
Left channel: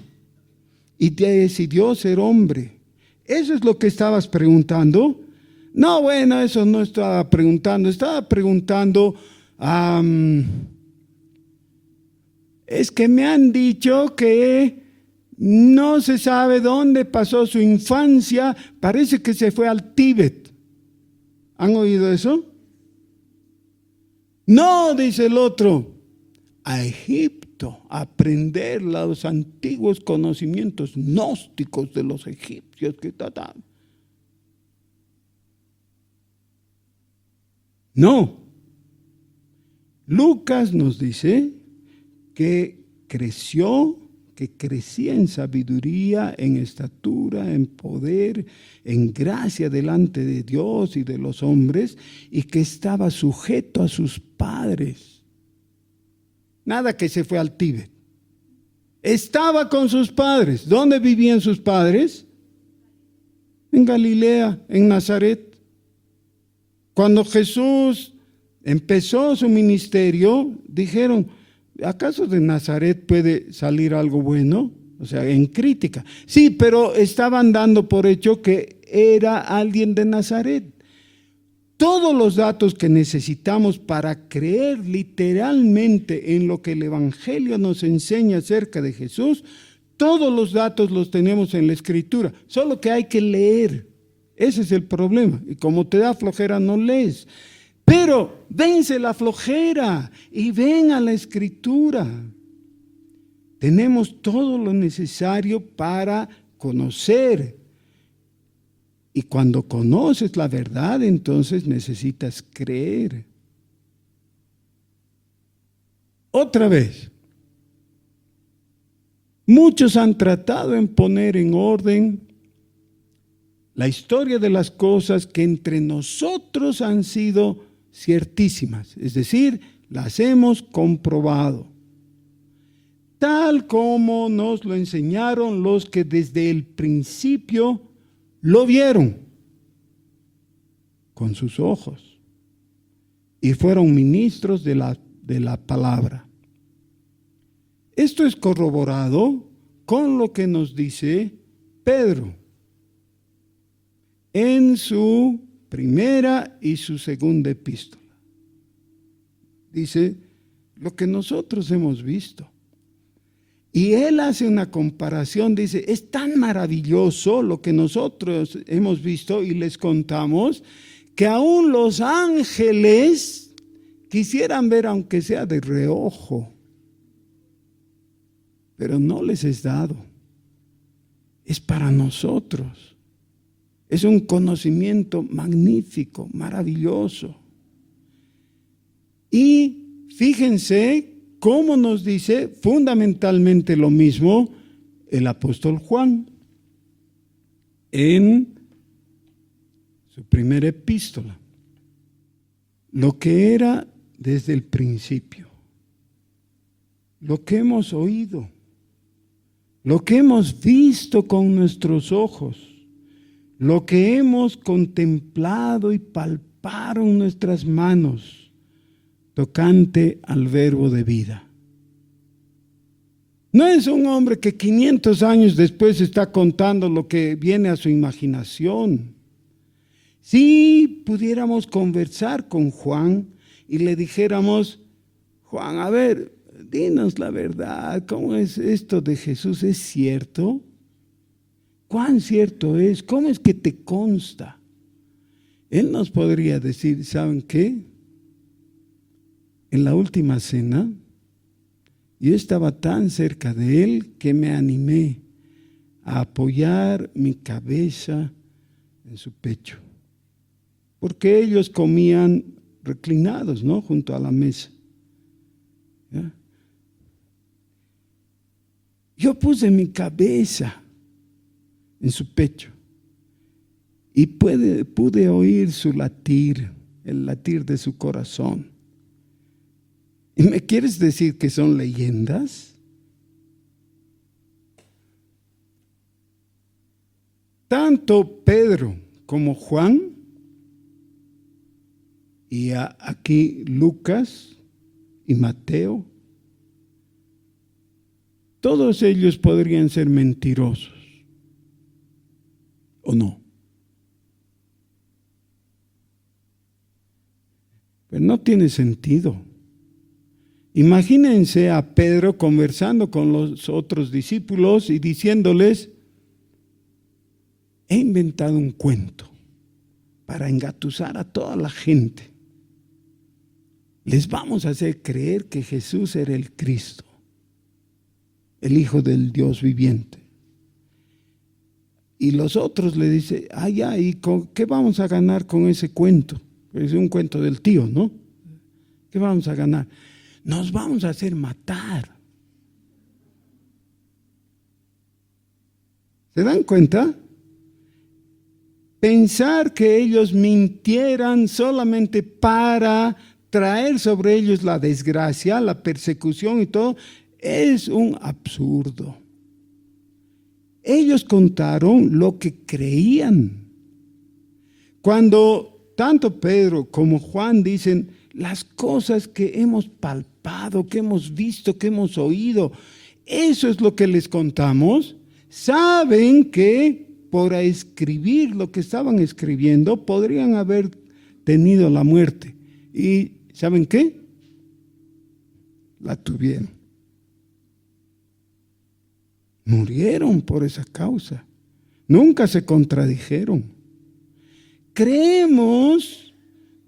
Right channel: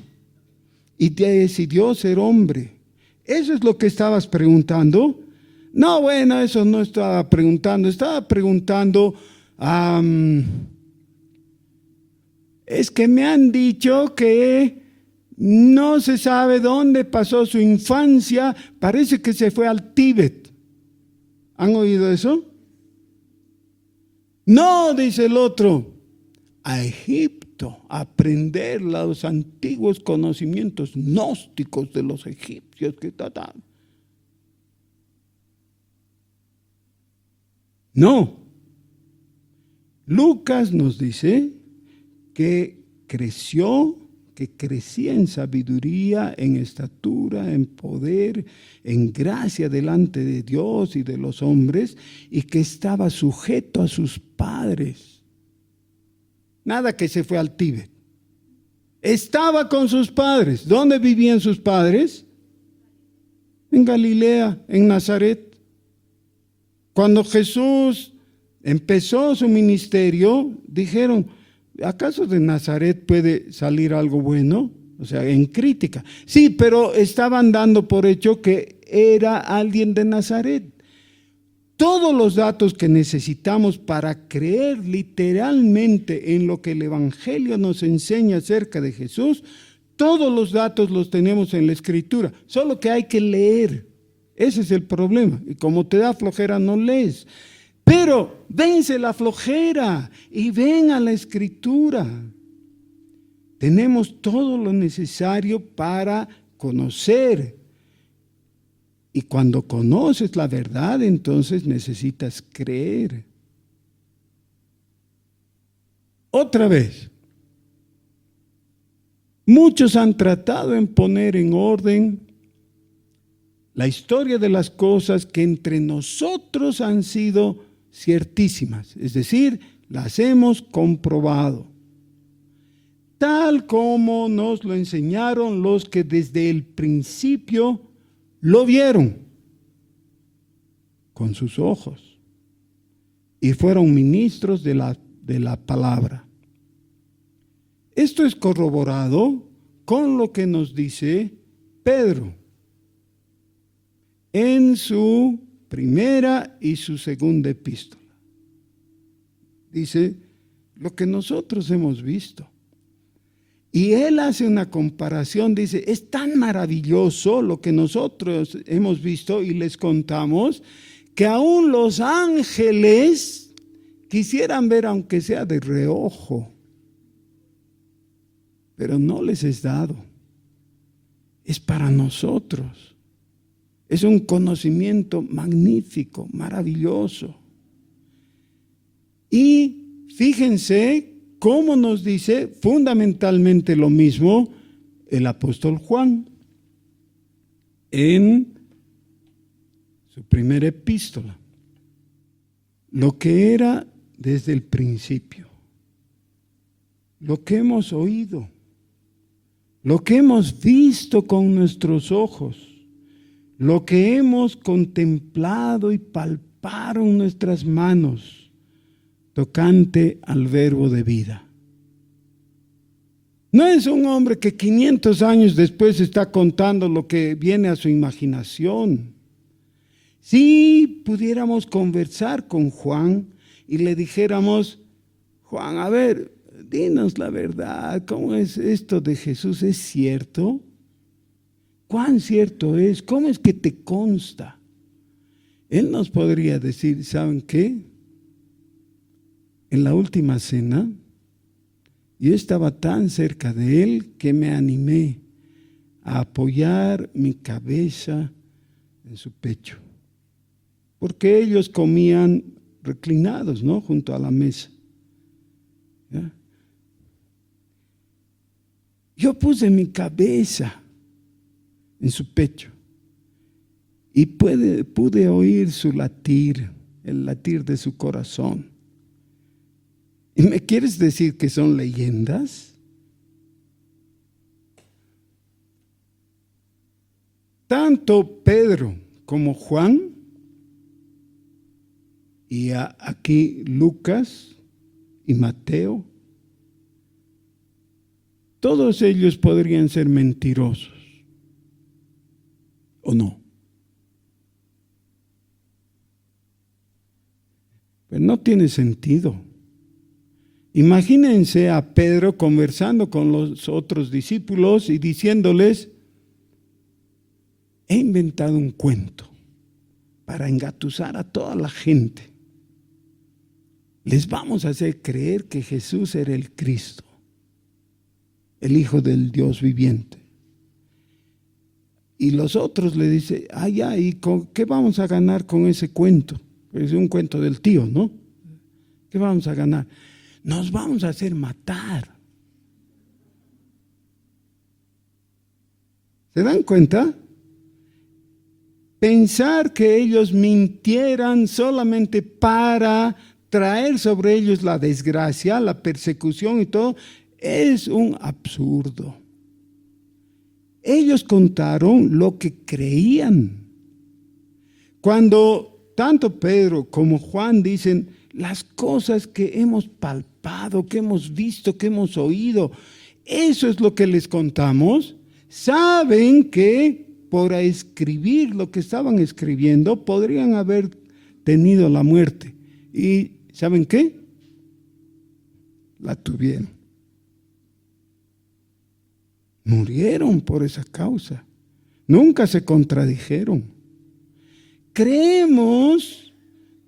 y decidió ser hombre. ¿Eso es lo que estabas preguntando? No, bueno, eso no estaba preguntando. Estaba preguntando, es que me han dicho que no se sabe dónde pasó su infancia. Parece que se fue al Tíbet. ¿Han oído eso? No, dice el otro, a Egipto, a aprender los antiguos conocimientos gnósticos de los egipcios. No. Lucas nos dice que crecía en sabiduría, en estatura, en poder, en gracia delante de Dios y de los hombres, y que estaba sujeto a sus padres. Nada que se fue al Tíbet. Estaba con sus padres. ¿Dónde vivían sus padres? En Galilea, en Nazaret. Cuando Jesús empezó su ministerio, dijeron, ¿acaso de Nazaret puede salir algo bueno? O sea, en crítica. Sí, pero estaban dando por hecho que era alguien de Nazaret. Todos los datos que necesitamos para creer literalmente en lo que el Evangelio nos enseña acerca de Jesús, todos los datos los tenemos en la Escritura, solo que hay que leer. Ese es el problema. Y como te da flojera, no lees. Pero vence la flojera y ven a la Escritura. Tenemos todo lo necesario para conocer. Y cuando conoces la verdad, entonces necesitas creer. Otra vez, muchos han tratado en poner en orden la historia de las cosas que entre nosotros han sido ciertísimas, es decir, las hemos comprobado, tal como nos lo enseñaron los que desde el principio lo vieron con sus ojos y fueron ministros de la palabra. Esto es corroborado con lo que nos dice Pedro en su primera y su segunda epístola. Dice, lo que nosotros hemos visto. Y él hace una comparación, dice, es tan maravilloso lo que nosotros hemos visto y les contamos, que aún los ángeles quisieran ver aunque sea de reojo, pero no les es dado. es para nosotros. Es un conocimiento magnífico, maravilloso. Y fíjense cómo nos dice fundamentalmente lo mismo el apóstol Juan en su primera epístola. Lo que era desde el principio, lo que hemos oído, lo que hemos visto con nuestros ojos, lo que hemos contemplado y palpado en nuestras manos, tocante al verbo de vida. No es un hombre que 500 años después está contando lo que viene a su imaginación. Si pudiéramos conversar con Juan y le dijéramos, Juan, a ver, dinos la verdad, ¿cómo es esto de Jesús? ¿Es cierto? ¿Cuán cierto es? ¿Cómo es que te consta? Él nos podría decir, ¿saben qué? En la última cena, yo estaba tan cerca de él que me animé a apoyar mi cabeza en su pecho. Porque ellos comían reclinados, ¿no? Junto a la mesa. ¿Ya? Yo puse mi cabeza en su pecho y pude oír su latir, el latir de su corazón. ¿Y me quieres decir que son leyendas? Tanto Pedro como Juan, y aquí Lucas y Mateo, todos ellos podrían ser mentirosos, ¿o no? Pues no tiene sentido. Imagínense a Pedro conversando con los otros discípulos y diciéndoles, he inventado un cuento para engatusar a toda la gente. Les vamos a hacer creer que Jesús era el Cristo, el Hijo del Dios viviente. Y los otros le dicen, ya, ¿y qué vamos a ganar con ese cuento? Pues es un cuento del tío, ¿no? ¿Qué vamos a ganar? Nos vamos a hacer matar. ¿Se dan cuenta? Pensar que ellos mintieran solamente para traer sobre ellos la desgracia, la persecución y todo, es un absurdo. Ellos contaron lo que creían. Cuando tanto Pedro como Juan dicen las cosas que hemos palpado, que hemos visto, que hemos oído, eso es lo que les contamos, saben que por escribir lo que estaban escribiendo podrían haber tenido la muerte. ¿Y saben qué? La tuvieron. Murieron por esa causa. Nunca se contradijeron. Creemos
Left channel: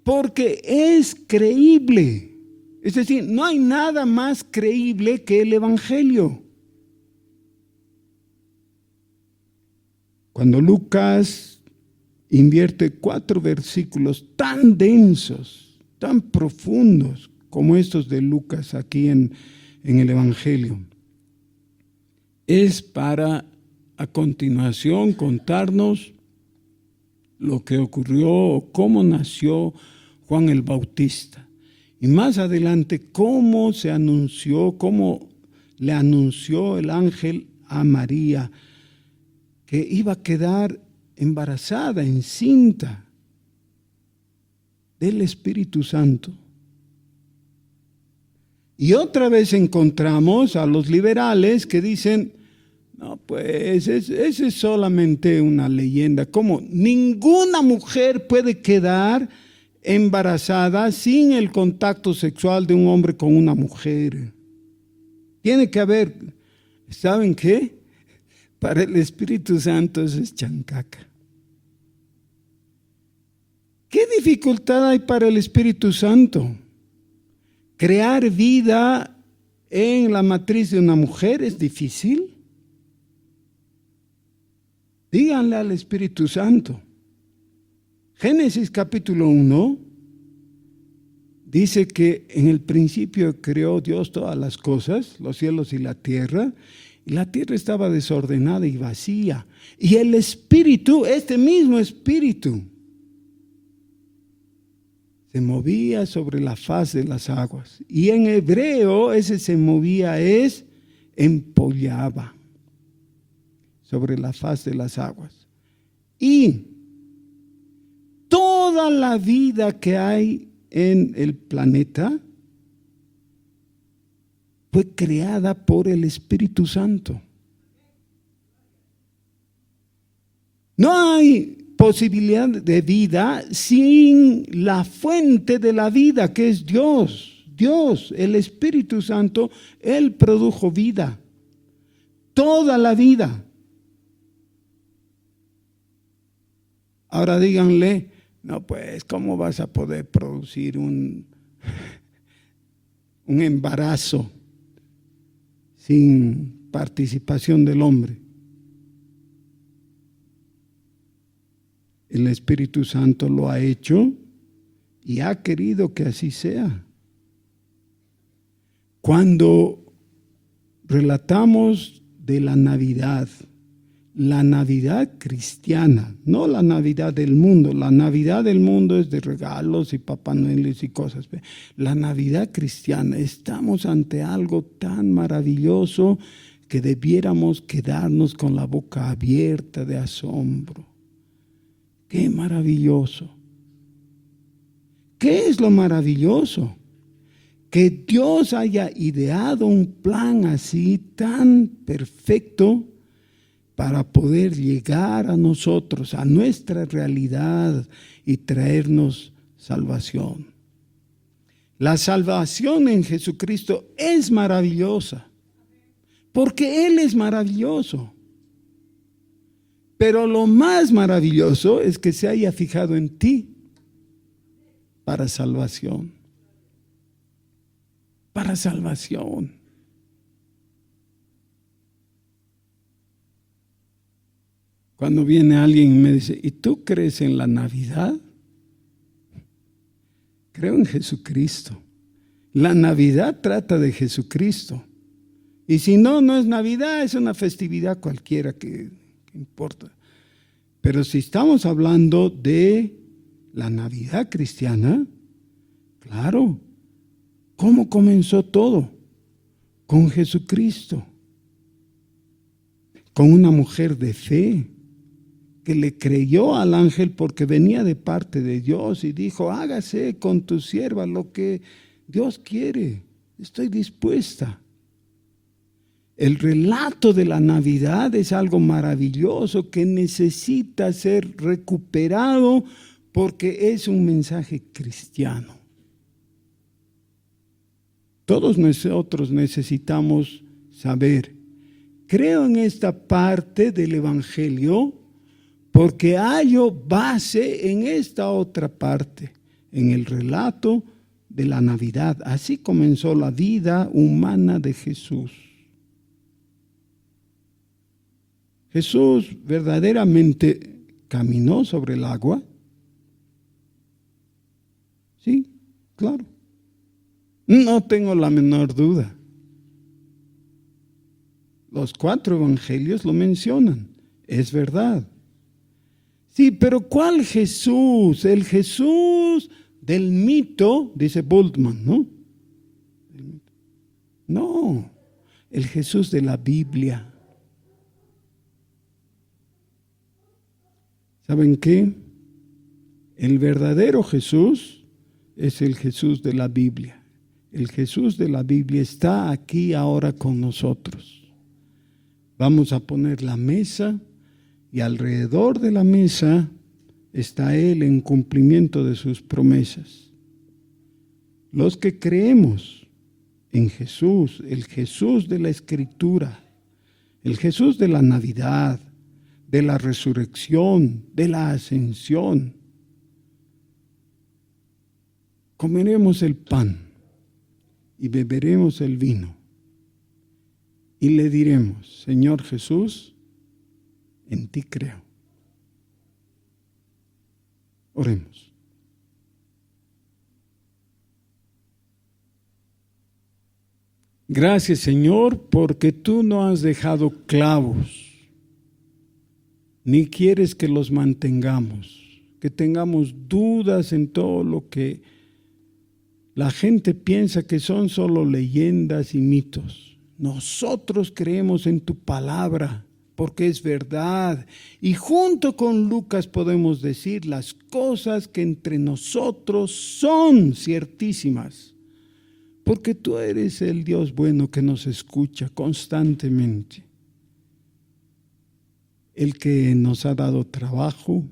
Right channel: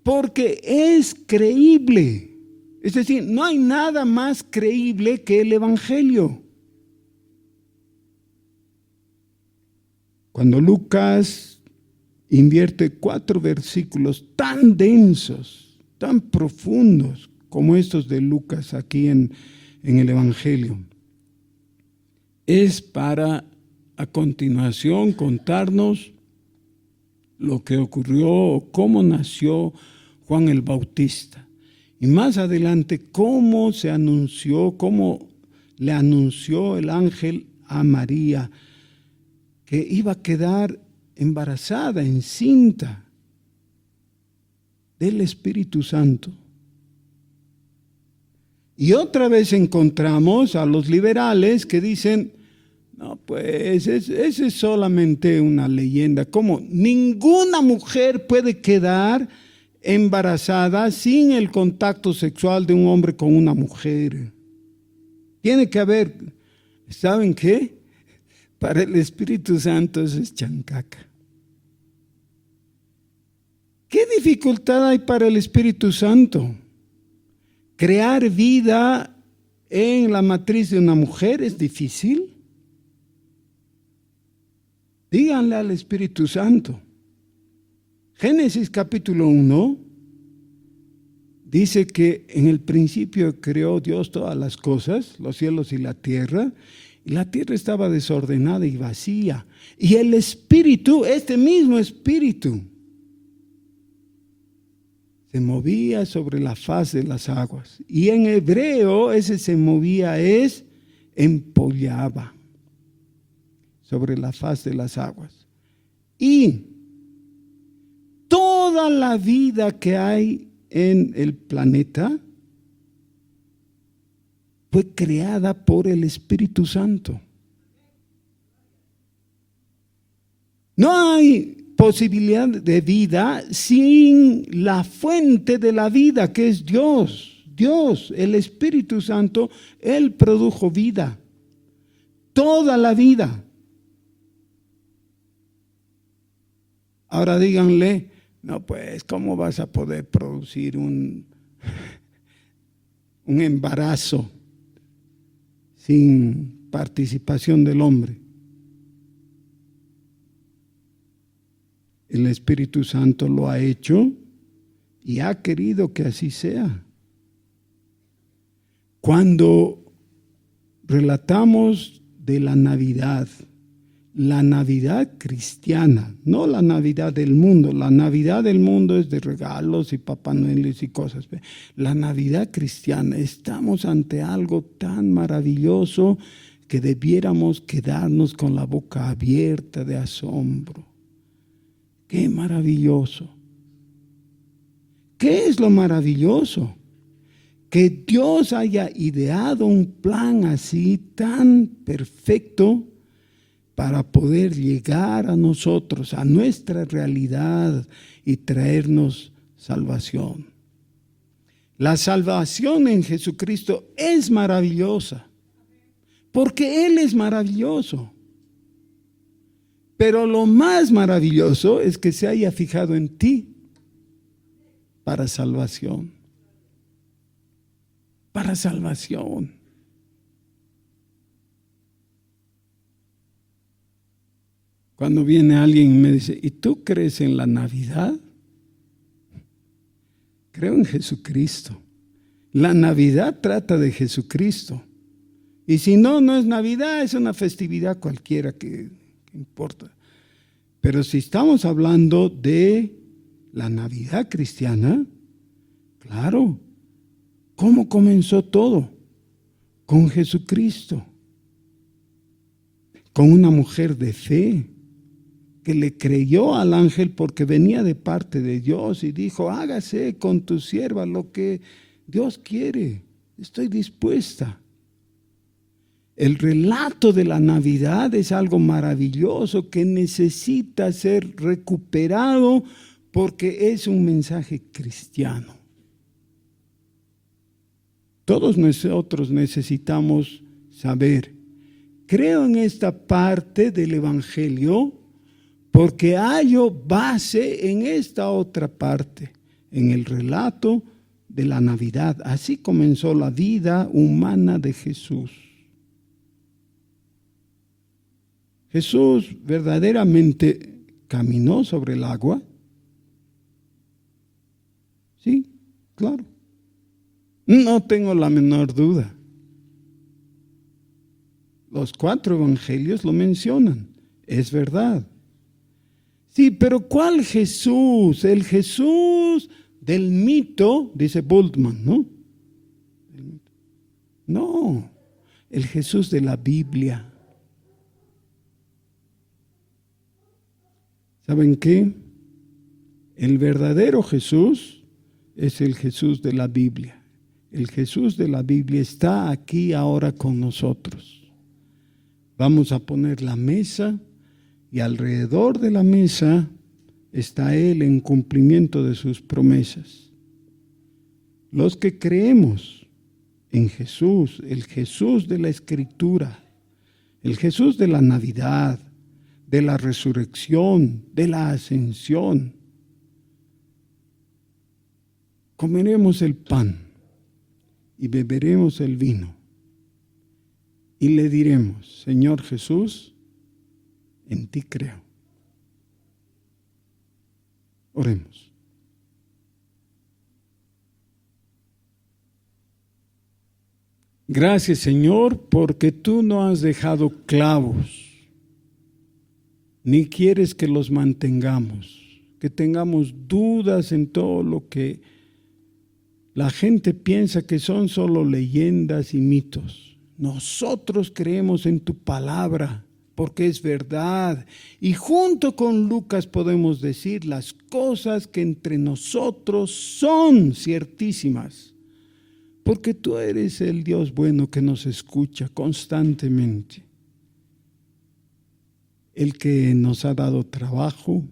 porque es creíble. Es decir, no hay nada más creíble que el Evangelio. Cuando Lucas invierte 4 versículos tan densos, tan profundos como estos de Lucas aquí en el Evangelio, es para a continuación contarnos lo que ocurrió o cómo nació Juan el Bautista. Y más adelante cómo se anunció, cómo le anunció el ángel a María que iba a quedar embarazada, encinta del Espíritu Santo. Y otra vez encontramos a los liberales que dicen, no, pues esa es solamente una leyenda. ¿Cómo? Ninguna mujer puede quedar embarazada sin el contacto sexual de un hombre con una mujer. Tiene que haber, ¿saben qué? Para el Espíritu Santo eso es chancaca. ¿Qué dificultad hay para el Espíritu Santo? Crear vida en la matriz de una mujer es difícil. Díganle al Espíritu Santo. Génesis capítulo 1 dice que en el principio creó Dios todas las cosas, los cielos y la tierra estaba desordenada y vacía. Y el Espíritu, este mismo Espíritu, se movía sobre la faz de las aguas. Y en hebreo ese se movía es empollaba sobre la faz de las aguas. Y toda la vida que hay en el planeta fue creada por el Espíritu Santo. No hay posibilidad de vida sin la fuente de la vida, que es Dios. Dios, el Espíritu Santo, Él produjo vida. Toda la vida. Ahora díganle, no pues, ¿cómo vas a poder producir un embarazo sin participación del hombre? El Espíritu Santo lo ha hecho y ha querido que así sea. Cuando relatamos de la Navidad cristiana, no la Navidad del mundo. La Navidad del mundo es de regalos y Papá Noel y cosas. La Navidad cristiana, estamos ante algo tan maravilloso que debiéramos quedarnos con la boca abierta de asombro. ¡Qué maravilloso! ¿Qué es lo maravilloso? Que Dios haya ideado un plan así tan perfecto para poder llegar a nosotros, a nuestra realidad y traernos salvación. La salvación en Jesucristo es maravillosa, porque Él es maravilloso. Pero lo más maravilloso es que se haya fijado en ti para salvación. Para salvación. Cuando viene alguien y me dice, ¿y tú crees en la Navidad? Creo en Jesucristo. La Navidad trata de Jesucristo. Y si no, no es Navidad, es una festividad cualquiera que importa. Pero si estamos hablando de la Navidad cristiana, claro, ¿cómo comenzó todo? Con Jesucristo, con una mujer de fe que le creyó al ángel porque venía de parte de Dios y dijo, hágase con tu sierva lo que Dios quiere, estoy dispuesta. El relato de la Navidad es algo maravilloso que necesita ser recuperado porque es un mensaje cristiano. Todos nosotros necesitamos saber, creo en esta parte del Evangelio porque hallo base en esta otra parte, en el relato de la Navidad. Así comenzó la vida humana de Jesús. Jesús verdaderamente caminó sobre el agua. Sí, claro. No tengo la menor duda. Los 4 evangelios lo mencionan. Es verdad. Sí, pero ¿cuál Jesús? El Jesús del mito, dice Bultmann, ¿no? No, el Jesús de la Biblia. ¿Saben qué? El verdadero Jesús es el Jesús de la Biblia. El Jesús de la Biblia está aquí ahora con nosotros. Vamos a poner la mesa y alrededor de la mesa está Él en cumplimiento de sus promesas. Los que creemos en Jesús, el Jesús de la Escritura, el Jesús de la Navidad, de la resurrección, de la ascensión, comeremos el pan y beberemos el vino y le diremos, Señor Jesús, en ti creo. Oremos. Gracias, Señor, porque tú no has dejado clavos, ni quieres que los mantengamos, que tengamos dudas en todo lo que la gente piensa que son solo leyendas y mitos. Nosotros creemos en tu palabra, porque es verdad. Y junto con Lucas podemos decir las cosas que entre nosotros son ciertísimas. Porque tú eres el Dios bueno que nos escucha constantemente. El que nos ha dado trabajo,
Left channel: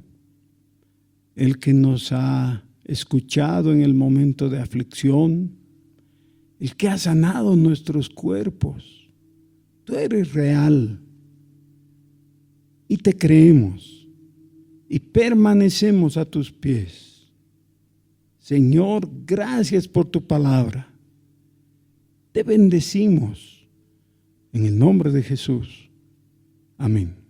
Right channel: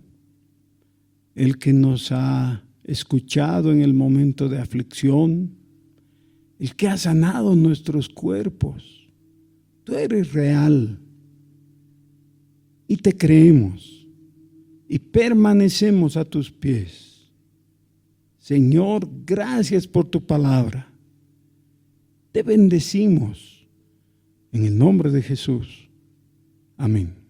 el que nos ha escuchado en el momento de aflicción, el que ha sanado nuestros cuerpos. Tú eres real y te creemos y permanecemos a tus pies. Señor, gracias por tu palabra. Te bendecimos en el nombre de Jesús. Amén.